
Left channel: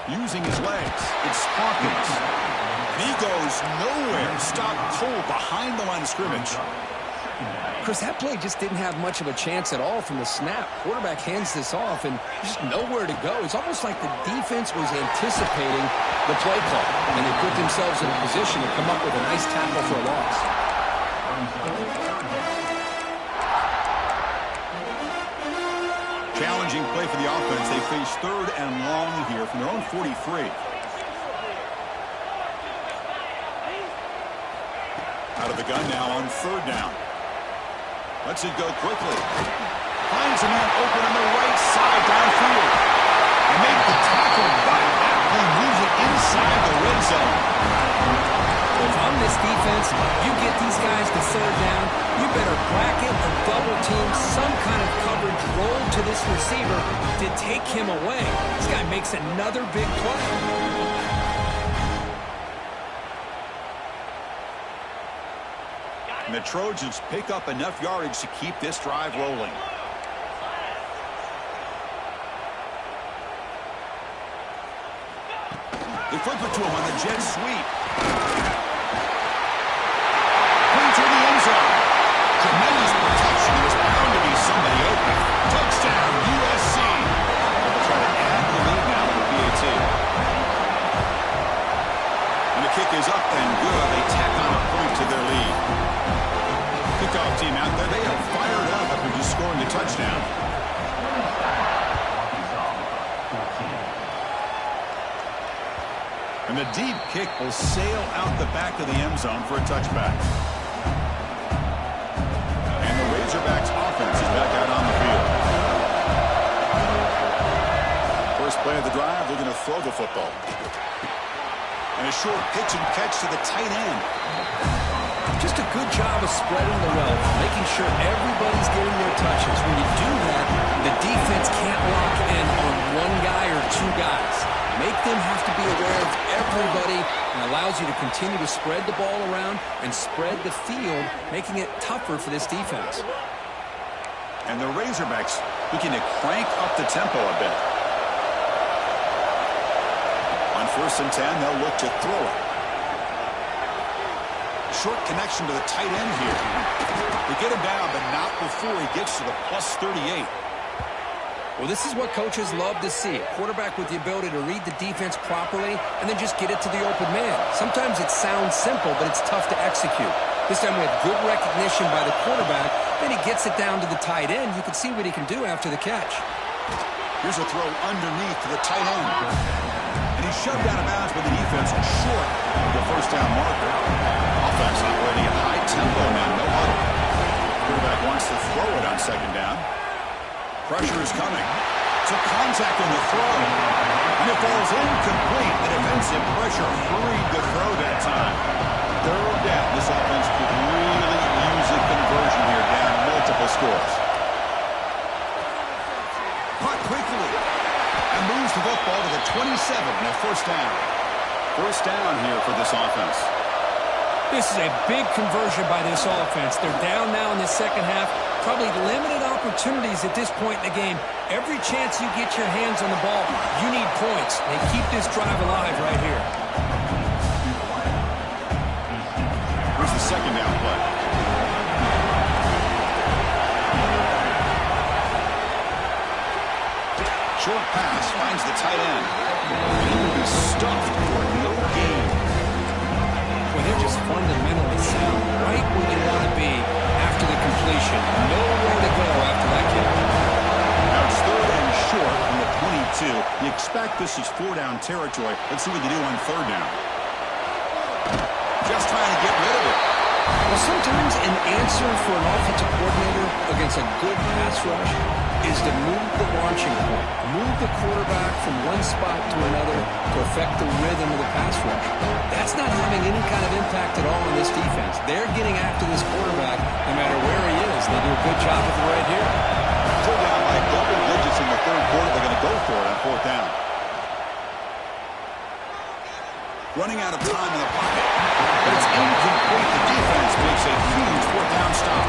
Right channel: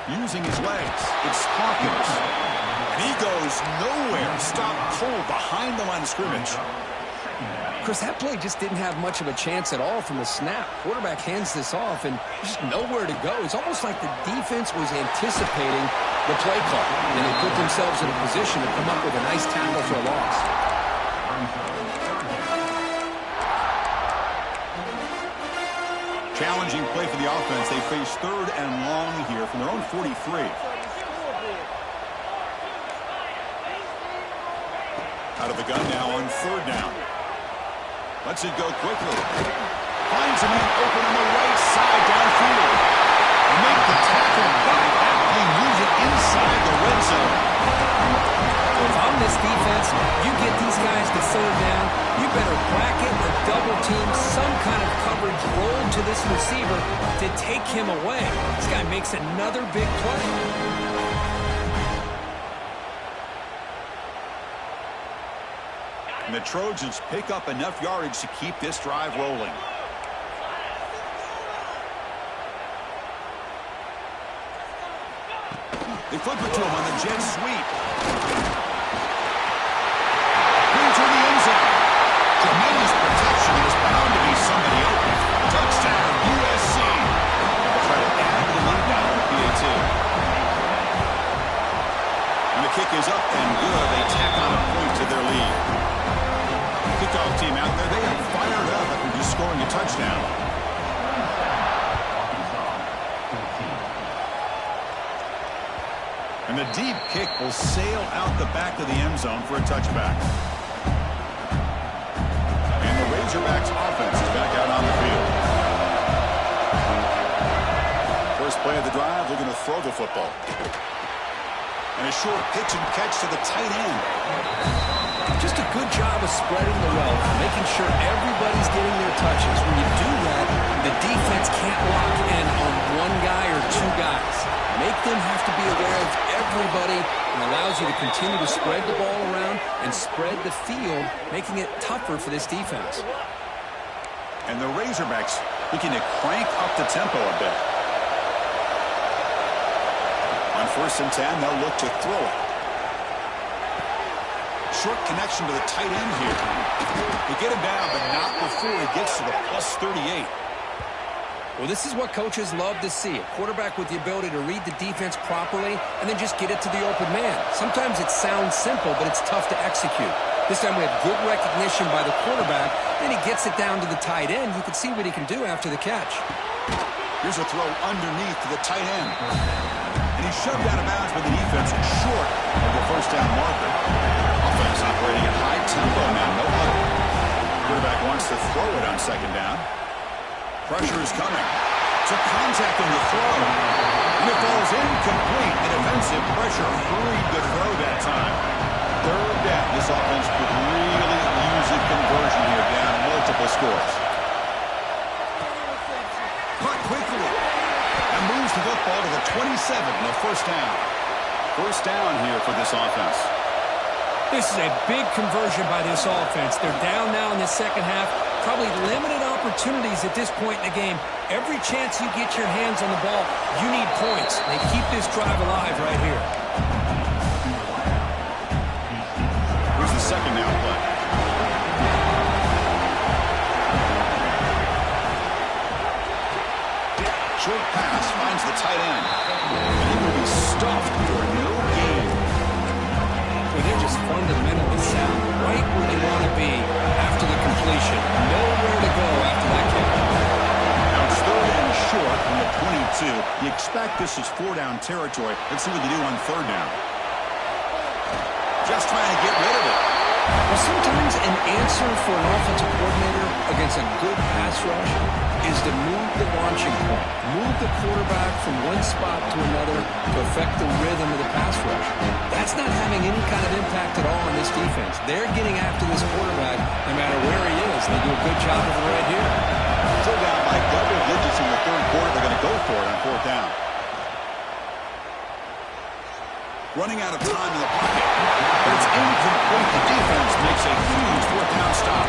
Using his legs, it's Hawkins. And he goes nowhere. Stopped cold behind the line of scrimmage. Chris, that play just didn't have much of a chance at all from the snap. Quarterback hands this off, and just nowhere to go. It's almost like the defense was anticipating the play call, and they put themselves in a position to come up with a nice tackle for a loss. Challenging play for the offense. They face 3rd and long here from their own 43. Out of the gun now on 3rd down. Lets it go quickly. Finds a man open on the right side downfield. They make the tackle, but that play moves it inside the red zone. If I'm I'm this defense, you get these guys to third down, you better bracket or double team some kind of coverage roll to this receiver to take him away. This guy makes another big play. And the Trojans pick up enough yardage to keep this drive rolling. They flip it to him on the jet sweep. Clean through the end zone. Tremendous protection. There's bound to be somebody open. Touchdown, USC. They'll try to add to the lead now with a PAT. And the kick is up and good. They tack on a point to their lead. Kickoff team out there. They are fired up after just scoring a touchdown. And the deep kick will sail out the back of the end zone for a touchback. And the Razorbacks offense is back out on the field. First play of the drive, they're going to throw the football. And a short pitch and catch to the tight end. Just a good job of spreading the wealth, making sure everybody's getting their touches. When you do that, the defense can't lock in on one guy or two guys. Make them have to be aware of everybody, and allows you to continue to spread the ball around and spread the field, making it tougher for this defense. And the Razorbacks looking to crank up the tempo a bit. On 1st and 10, they'll look to throw it. Short connection to the tight end here. They get him down, but not before he gets to the +38. Well, this is what coaches love to see. A quarterback with the ability to read the defense properly and then just get it to the open man. Sometimes it sounds simple, but it's tough to execute. This time we have good recognition by the quarterback. Then he gets it down to the tight end. You can see what he can do after the catch. Here's a throw underneath to the tight end. And he's shoved out of bounds by the defense short of the first down marker. Offense operating at high tempo now, no huddle. Quarterback wants to throw it on 2nd down. Pressure is coming. Took contact on the throw. And it falls incomplete. The defensive pressure hurried the throw that time. 3rd down. This offense could really use a conversion here, down multiple scores. Caught quickly. And moves the football to the 27 and a 1st down. 1st down here for this offense. This is a big conversion by this offense. They're down now in the second half. Probably limited opportunities at this point in the game. Every chance you get your hands on the ball, you need points. They keep this drive alive right here. Here's the 2nd down play. Short pass finds the tight end. And he will be stuffed for no gain. Well, they're just fundamentally sound, right where they want to be after the completion. Nowhere to go after that kick. Now it's 3rd and short from the 22. You expect this is 4-down territory. Let's see what they do on 3rd down. Just trying to get rid of it. Well, sometimes an answer for an offensive coordinator against a good pass rush is to move the launching point. Move the quarterback from one spot to another to affect the rhythm of the pass rush. That's not having any kind of impact at all on this defense. They're getting after this quarterback no matter where he is. They do a good job of it right here. Still down by double digits in the 3rd quarter. They're going to go for it on 4th down. Running out of time in the pocket. But it's incomplete. The defense makes a huge 4th down stop.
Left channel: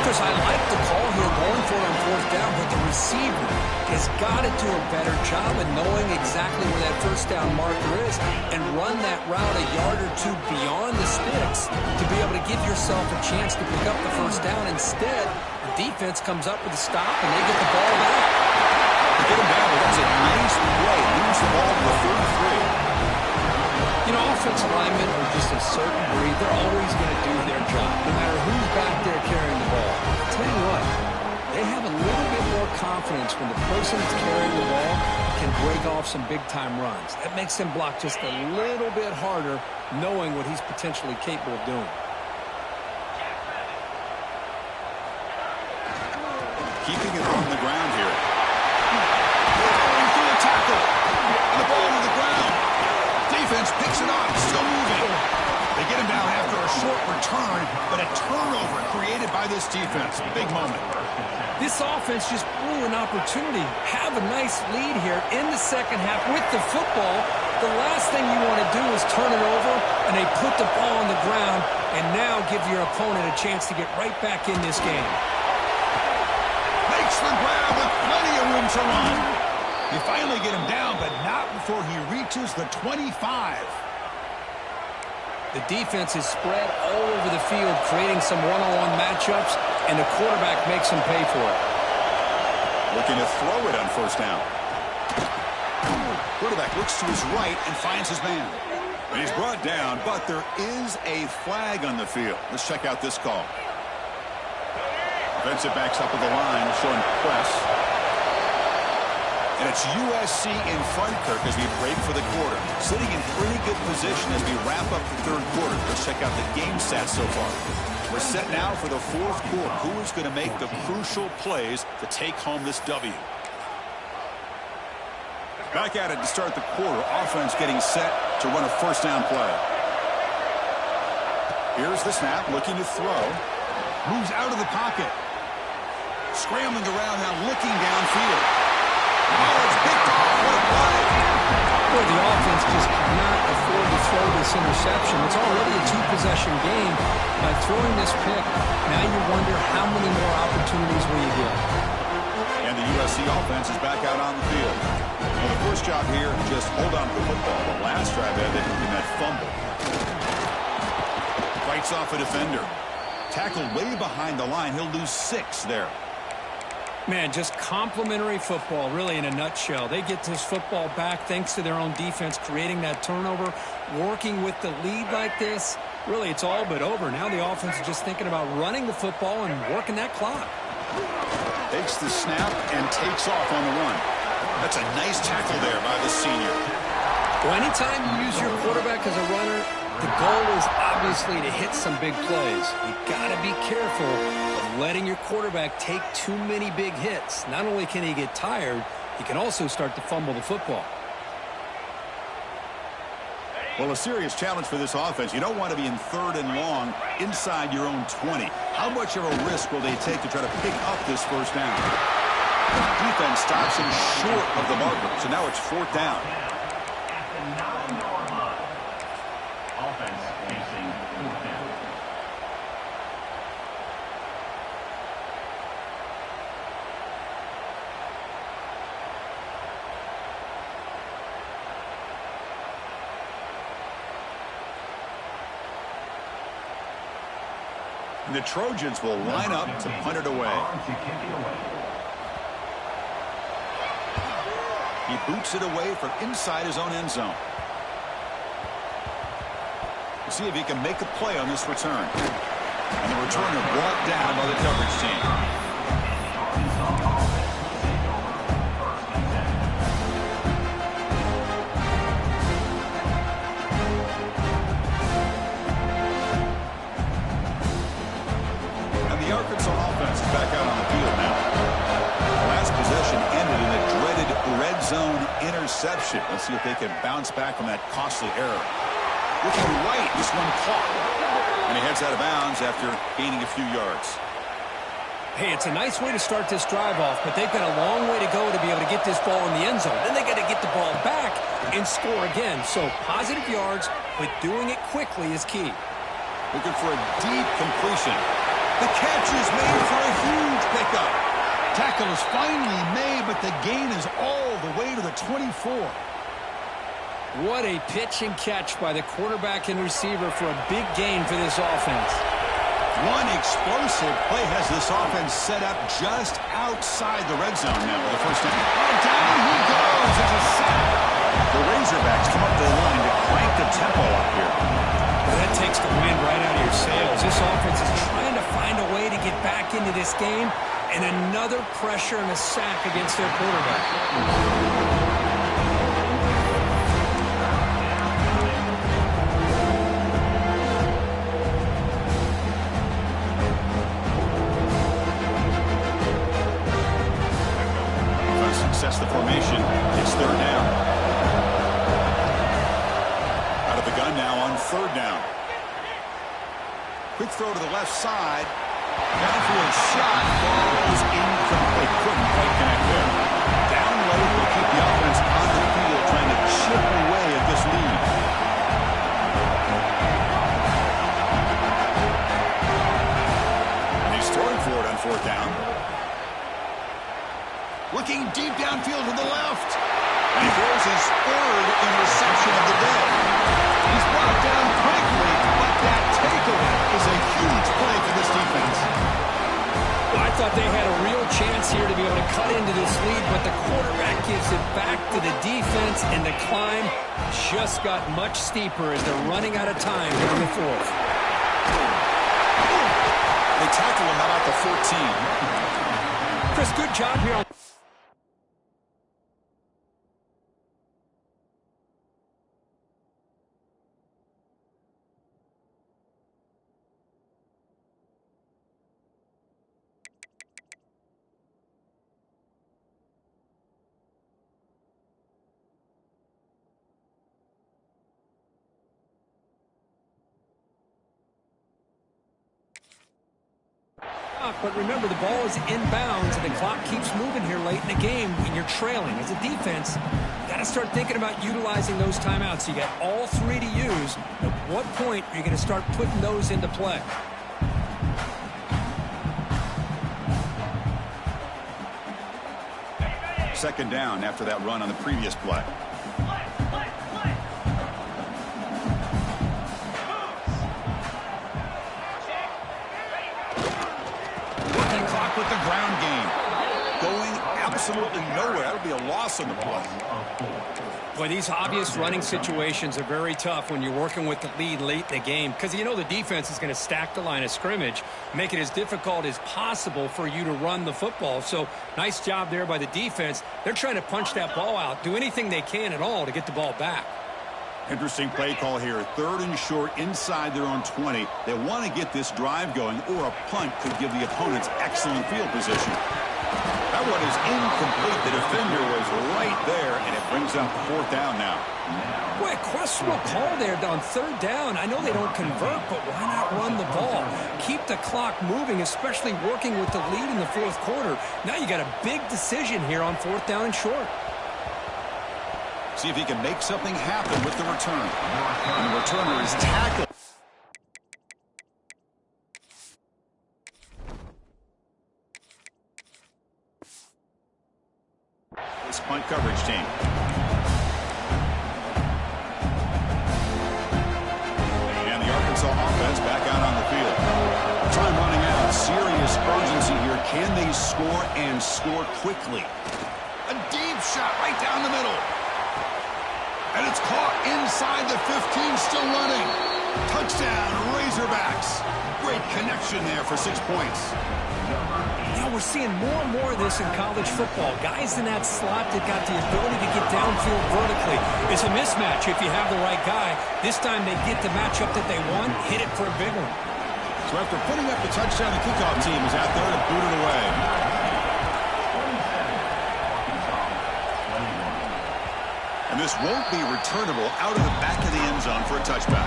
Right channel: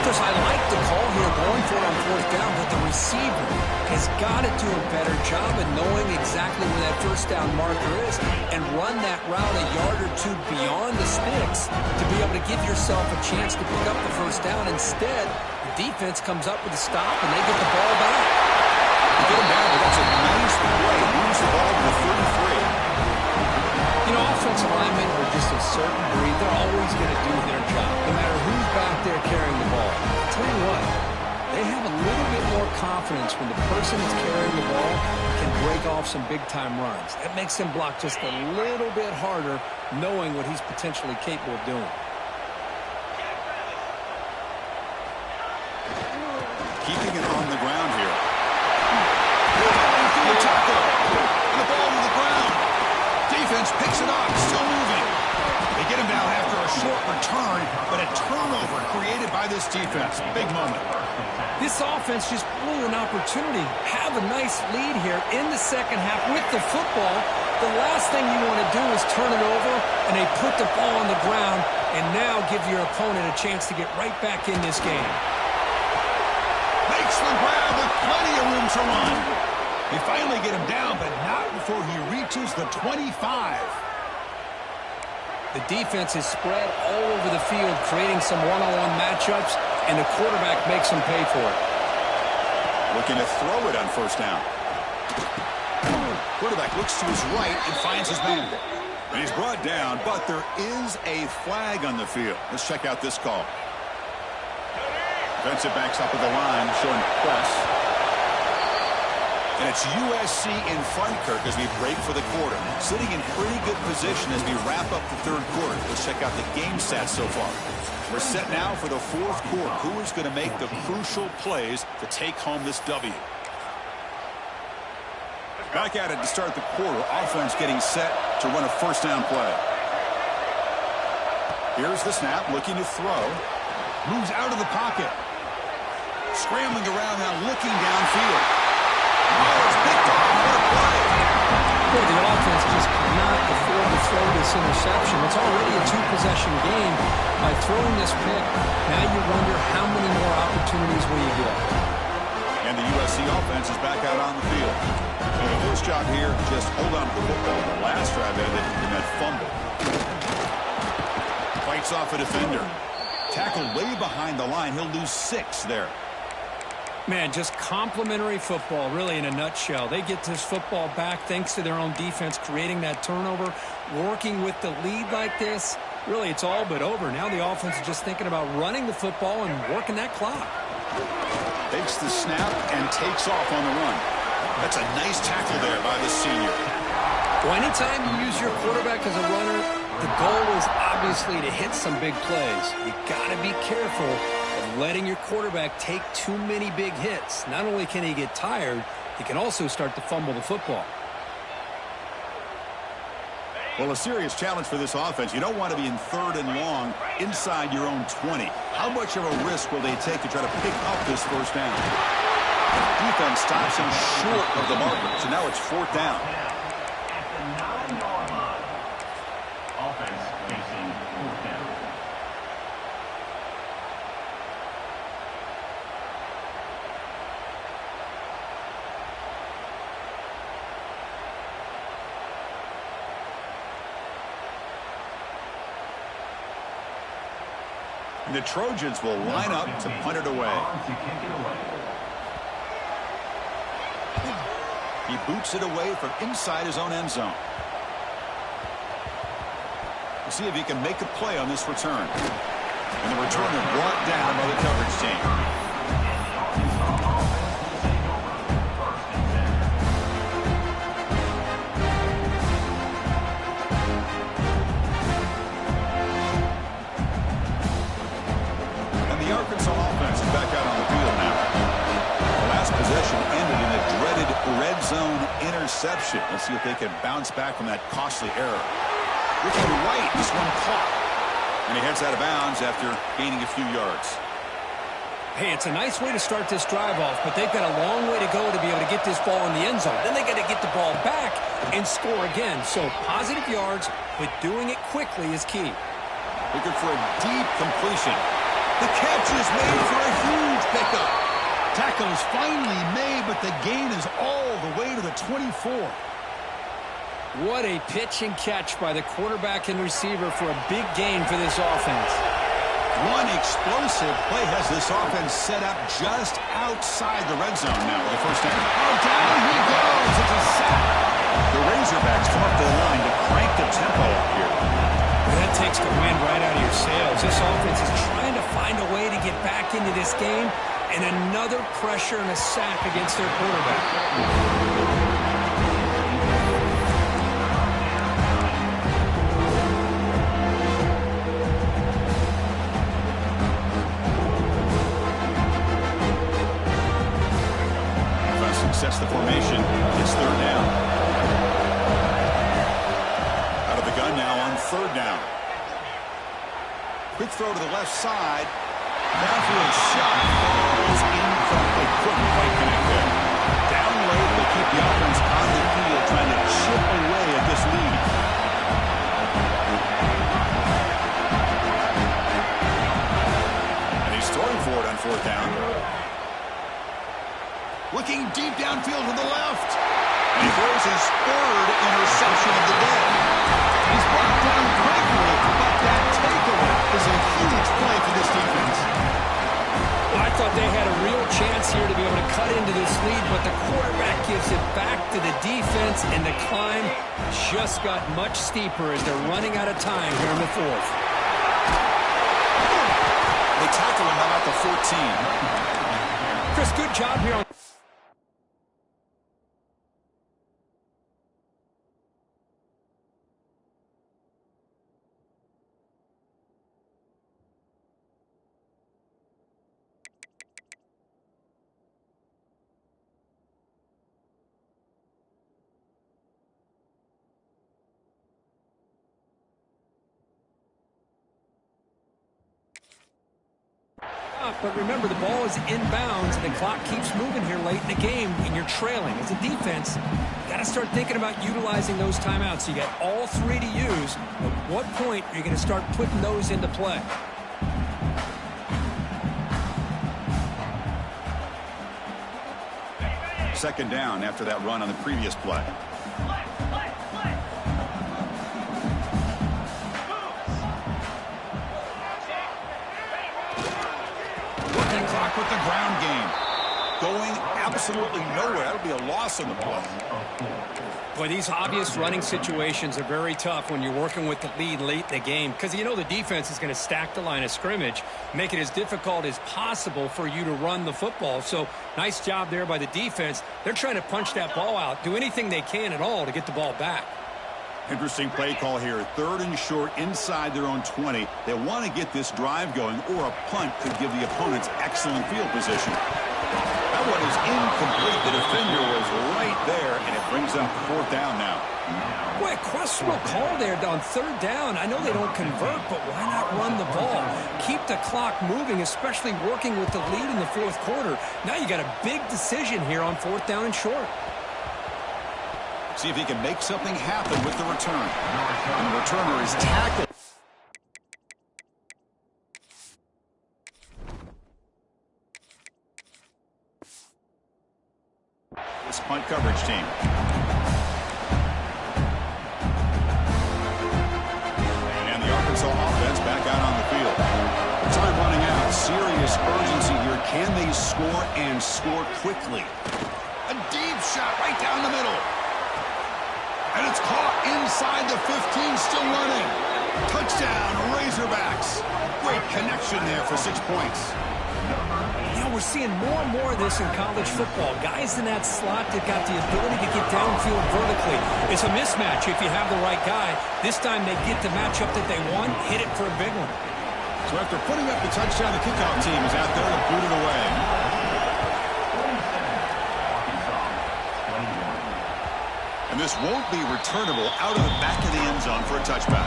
Chris, I like the call here going for it on 4th down, but the receiver has got to do a better job of knowing exactly where that 1st down marker is and run that route a yard or two beyond the sticks to be able to give yourself a chance to pick up the 1st down. Instead, the defense comes up with a stop and they get the ball back. They get him down, but that's a nice play. Moves the ball to the 33. You know, offensive linemen are just a certain breed. They're always going to do their job, no matter who's back there carrying the ball. I'll tell you what, they have a little bit more confidence when the person that's carrying the ball can break off some big-time runs. That makes them block just a little bit harder, knowing what he's potentially capable of doing. Keeping it on the ground here. Going through the tackle. And the ball to the ground. Defense picks it up, still moving. They get him down short return, but a turnover created by this defense. Big moment. This offense just blew an opportunity. Have a nice lead here in the second half with the football. The last thing you want to do is turn it over, and they put the ball on the ground, and now give your opponent a chance to get right back in this game. Makes the grab with plenty of room to run. They finally get him down, but not before he reaches the 25. The defense is spread all over the field, creating some one-on-one matchups, and the quarterback makes them pay for it. Looking to throw it on first down. Quarterback looks to his right and finds his man. And he's brought down, but there is a flag on the field. Let's check out this call. Defensive backs up at the line, showing press. And it's USC in front, Kirk, as we break for the quarter. Sitting in pretty good position as we wrap up the third quarter. Let's check out the game stats so far. We're set now for the fourth quarter. Who is going to make the crucial plays to take home this W? Back at it to start the quarter. Offense getting set to run a first down play. Here's the snap, looking to throw. Moves out of the pocket. Scrambling around now, looking downfield. Oh, it's picked off. What a play. Boy, the offense just cannot afford to throw this interception. It's already a two-possession game. By throwing this pick, now you wonder how many more opportunities will you get. And the USC offense is back out on the field. Well, the first job here, just hold on to the football. The last drive ended in that fumble. Fights off a defender. Tackled way behind the line. He'll lose 6 there. Man, just complimentary football, really, in a nutshell. They get this football back thanks to their own defense, creating that turnover, working with the lead like this. Really, it's all but over. Now the offense is just thinking about running the football and working that clock. Takes the snap and takes off on the run. That's a nice tackle there by the senior. Well, anytime you use your quarterback as a runner, the goal is obviously to hit some big plays. You got to be careful of letting your quarterback take too many big hits. Not only can he get tired, he can also start to fumble the football. Well, a serious challenge for this offense. You don't want to be in third and long inside your own 20. How much of a risk will they take to try to pick up this first down? The defense stops him short of the marker, so now it's fourth down. At the 9-yard line. Offense facing fourth down. And the Trojans will line up to punt it away. He boots it away from inside his own end zone. We'll see if he can make a play on this return. And the returner brought down by the coverage team. The Arkansas offense is back out on the field now. The last possession ended in a dreaded red zone interception. Let's see if they can bounce back from that costly error. Looking right, this one caught. And he heads out of bounds after gaining a few yards. Hey, it's a nice way to start this drive off, but they've got a long way to go to be able to get this ball in the end zone. Then they got to get the ball back and score again. So positive yards, but doing it quickly is key. Looking for a deep completion. The catch is made for a huge pickup. Tackle is finally made, but the gain is all the way to the 24. What a pitch and catch by the quarterback and receiver for a big gain for this offense. One explosive play has this offense set up just outside the red zone now with the first down. Oh, down he goes. It's a sack. The Razorbacks come up to the line to crank the tempo up here. Well, that takes the wind right out of your sails. This offense is trying to find a way to get back into this game, and another pressure and a sack against their quarterback. Offense sets the formation. It's third down. Out of the gun now on third down. Quick throw to the left side. Downfield shot falls incomplete. Couldn't quite connect there. Down late, they'll keep the offense on the field trying to chip away at this lead. And he's throwing for it on fourth down. Looking deep downfield to the left. And he throws his third interception of the day. He's brought down quickly, but that takeaway is a huge play for this defense. Well, I thought they had a real chance here to be able to cut into this lead, but the quarterback gives it back to the defense, and the climb just got much steeper as they're running out of time here in the fourth. They tackle him about the 14. Chris, good job here on... But remember, the ball is inbounds, and the clock keeps moving here late in the game, and you're trailing. As a defense, you got to start thinking about utilizing those timeouts. You got all three to use. At what point are you going to start putting those into play? Second down after that run on the previous play. With the ground game. Going absolutely nowhere. That'll be a loss on the play. Boy, these obvious running situations are very tough when you're working with the lead late in the game, because you know the defense is going to stack the line of scrimmage, make it as difficult as possible for you to run the football. So nice job there by the defense. They're trying to punch that ball out, do anything they can at all to get the ball back. Interesting play call here. Third and short inside their own 20. They want to get this drive going, or a punt could give the opponents excellent field position. That one is incomplete. The defender was right there, and it brings up fourth down now. Boy, a questionable call there on third down. I know they don't convert, but why not run the ball? Keep the clock moving, especially working with the lead in the fourth quarter. Now you got a big decision here on fourth down and short. See if he can make something happen with the return. And the returner is tackled. This punt coverage team. And the Arkansas offense back out on the field. Time running out. Serious urgency here. Can they score and score quickly? A deep shot right down the middle. And it's caught inside the 15, still running. Touchdown, Razorbacks. Great connection there for 6 points. You know, we're seeing more and more of this in college football. Guys in that slot that got the ability to get downfield vertically. It's a mismatch if you have the right guy. This time they get the matchup that they want, hit it for a big one. So after putting up the touchdown, the kickoff team is out there to boot it away. And this won't be returnable out of the back of the end zone for a touchback.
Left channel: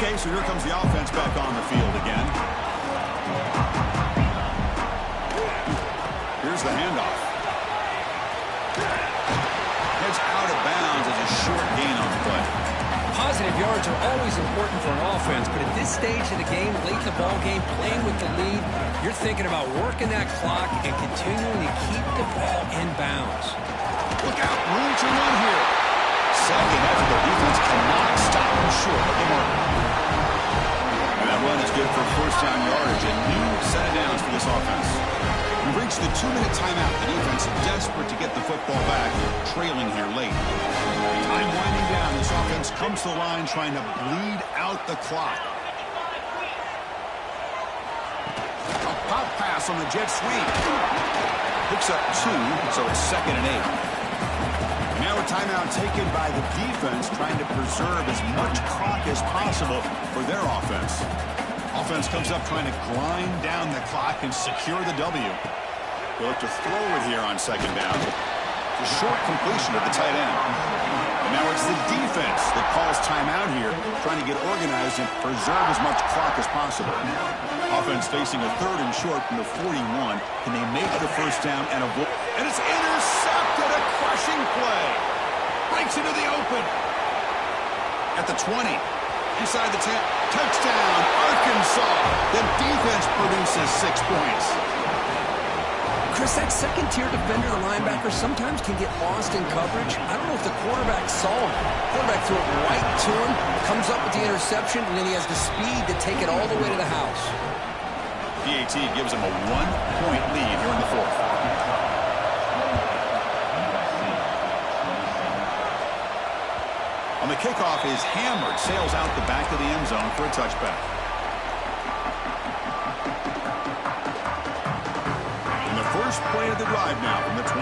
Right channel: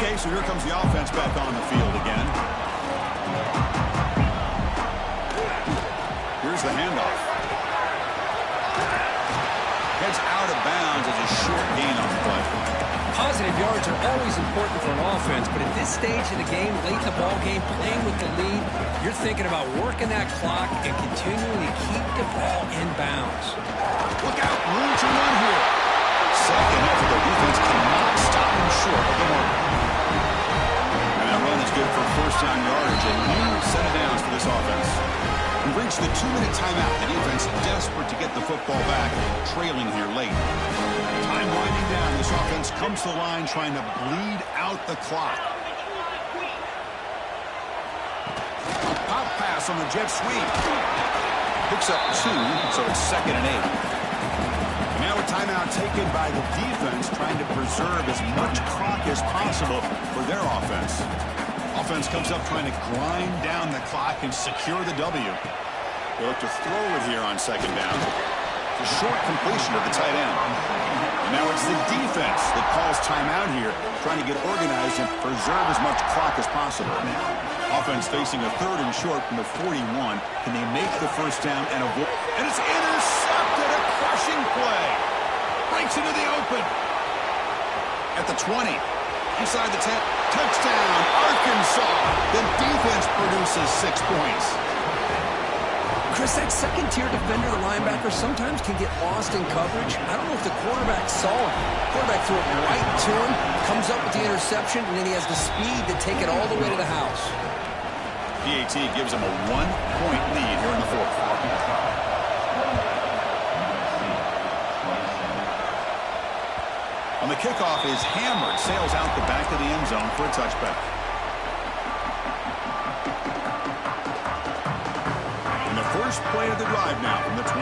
Okay, so here comes the offense back on the field again. Here's the handoff. Heads out of bounds as a short gain on the play. Positive yards are always important for an offense, but at this stage of the game, late in the ball game, playing with the lead, you're thinking about working that clock and continuing to keep the ball in bounds. Look out, room to run here. Second effort, their defense cannot stop them short of the mark. And that run is good for first down yardage, a new set of downs for this offense. We've reached the 2-minute timeout. The defense desperate to get the football back, trailing here late. Time winding down. This offense comes to the line trying to bleed out the clock. A pop pass on the jet sweep. Picks up 2, so it's 2nd and 8. And now a timeout taken by the defense trying to preserve as much clock as possible for their offense. Offense comes up trying to grind down the clock and secure the W. They look to throw it here on 2nd down. It's a short completion of the tight end. Now it's the defense that calls timeout here, trying to get organized and preserve as much clock as possible. Offense facing a 3rd and short from the 41. Can they make the first down and avoid? And it's intercepted, a crushing play. Breaks into the open. At the 20. Inside the 10. Touchdown, Arkansas. The defense produces 6 points. Chris, that second-tier defender, the linebacker, sometimes can get lost in coverage. I don't know if the quarterback saw him. Quarterback threw it right to him, comes up with the interception, and then he has the speed to take it all the way to the house. PAT gives him a 1-point lead here in the 4th. On the kickoff is hammered, sails out the back of the end zone for a touchback. First play of the drive now from the 25.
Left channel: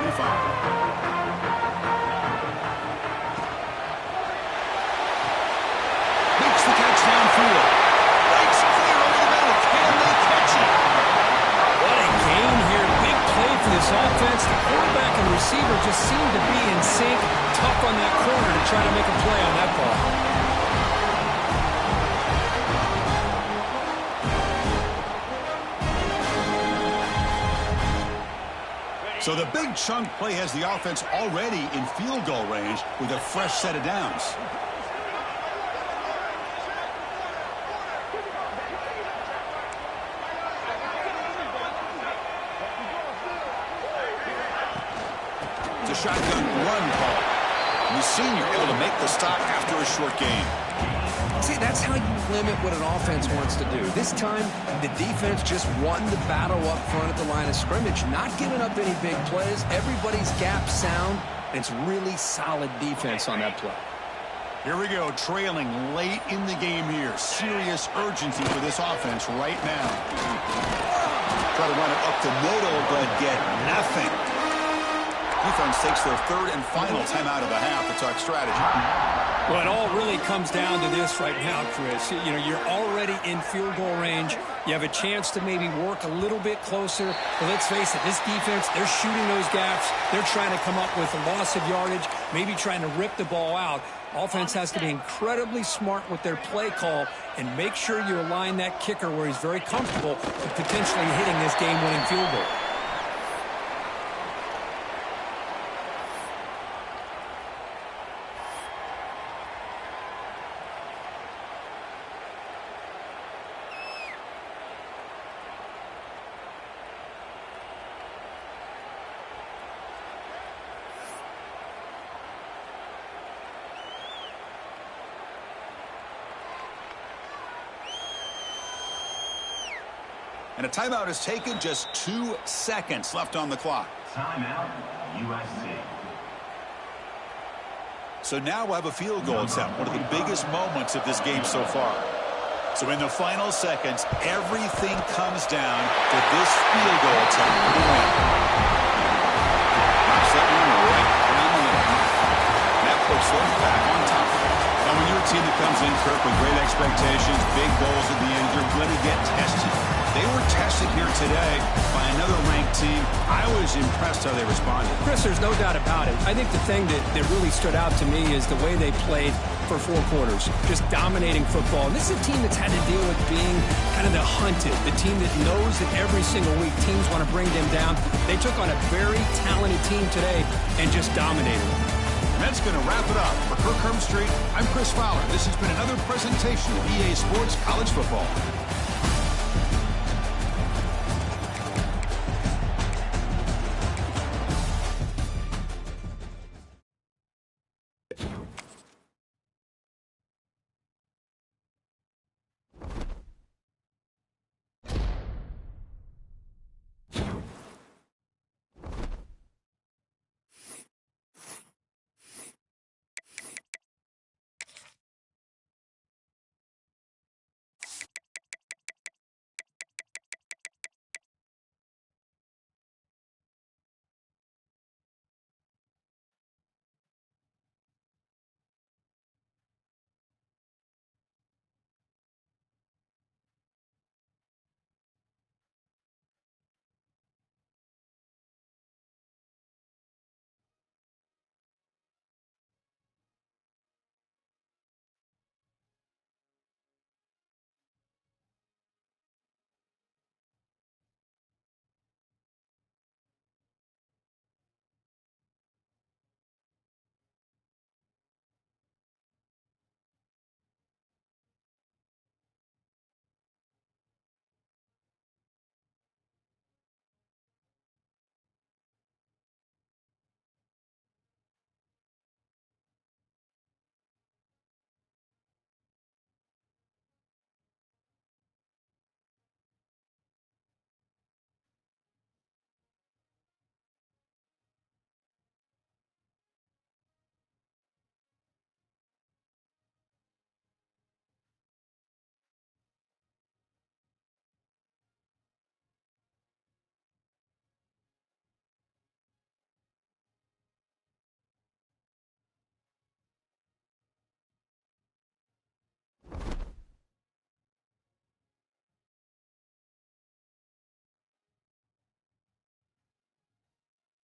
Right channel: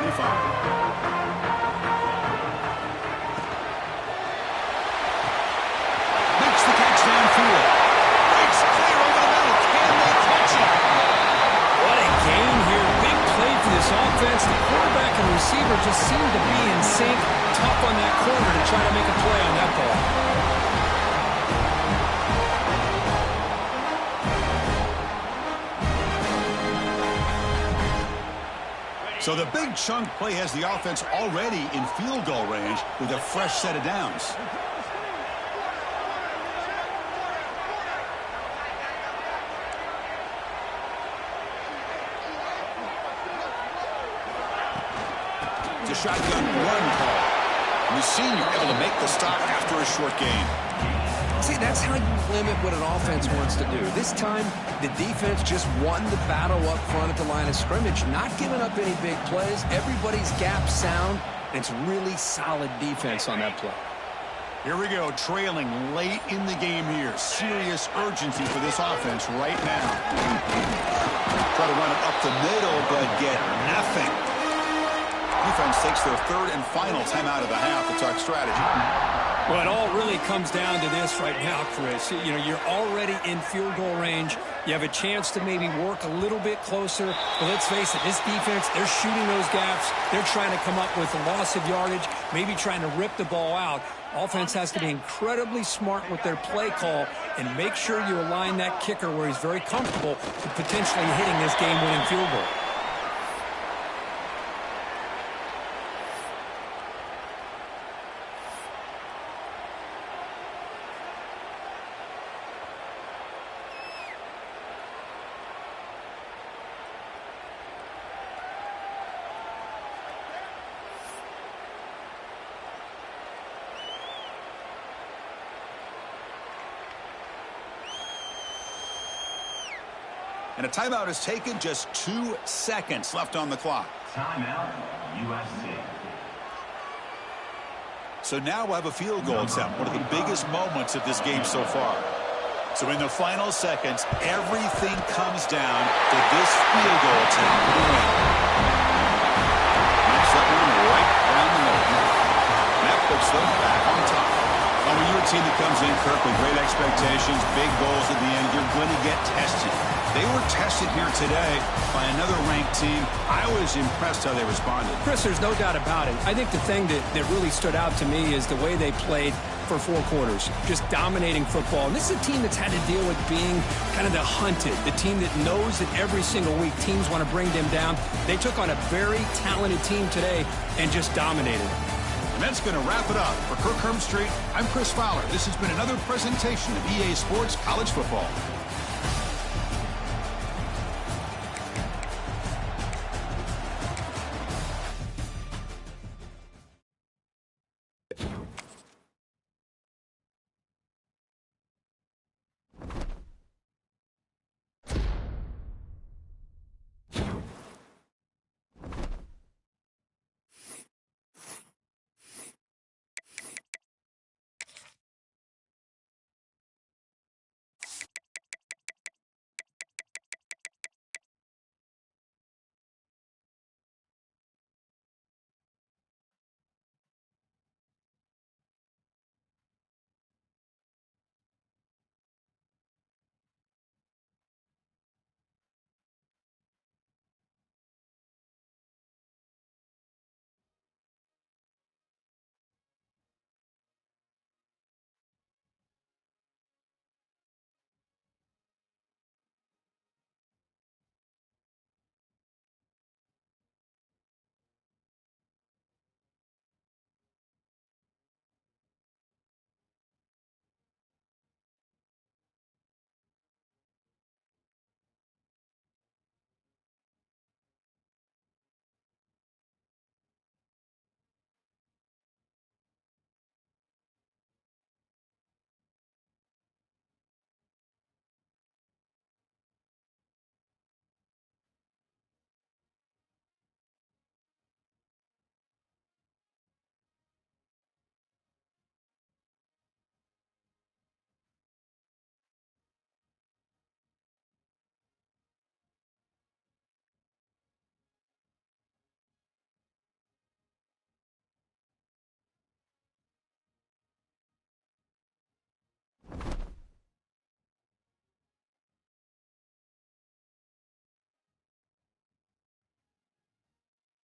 Makes the catch downfield. Breaks clear over the middle. Can they catch it? What a gain here. Big play for this offense. The quarterback and receiver just seem to be in sync. Tough on that corner to try to make a play on that ball. So the big chunk play has the offense already in field goal range with a fresh set of downs. It's a shotgun run call. And the senior able to make the stop after a short gain. See, that's how you limit what an offense wants to do. This time, the defense just won the battle up front at the line of scrimmage, not giving up any big plays. Everybody's gap sound. It's really solid defense on that play. Here we go, trailing late in the game here. Serious urgency for this offense right now. Try to run it up the middle, but get nothing. Defense takes their 3rd and final timeout of the half to talk strategy. Well, it all really comes down to this right now, Chris. You know, you're already in field goal range. You have a chance to maybe work a little bit closer. But let's face it, this defense, they're shooting those gaps. They're trying to come up with a loss of yardage, maybe trying to rip the ball out. Offense has to be incredibly smart with their play call and make sure you align that kicker where he's very comfortable with potentially hitting this game-winning field goal. And a timeout is taken, just 2 seconds left on the clock. Timeout, USC. So now we'll have a field goal attempt, one of the biggest moments of this game so far. So in the final seconds, everything comes down to this field goal attempt for the win. Knocks that one right down the middle. And that puts them back on top. Now, when you're a team that comes in, Kirk, with great expectations, big goals at the end, you're going to get tested. They were tested here today by another ranked team. I was impressed how they responded. Chris, there's no doubt about it. I think the thing that really stood out to me is the way they played for 4 quarters, just dominating football. And this is a team that's had to deal with being kind of the hunted, the team that knows that every single week teams want to bring them down. They took on a very talented team today and just dominated. And that's going to wrap it up. For Kirk Herbstreit, I'm Chris Fowler. This has been another presentation of EA Sports College Football.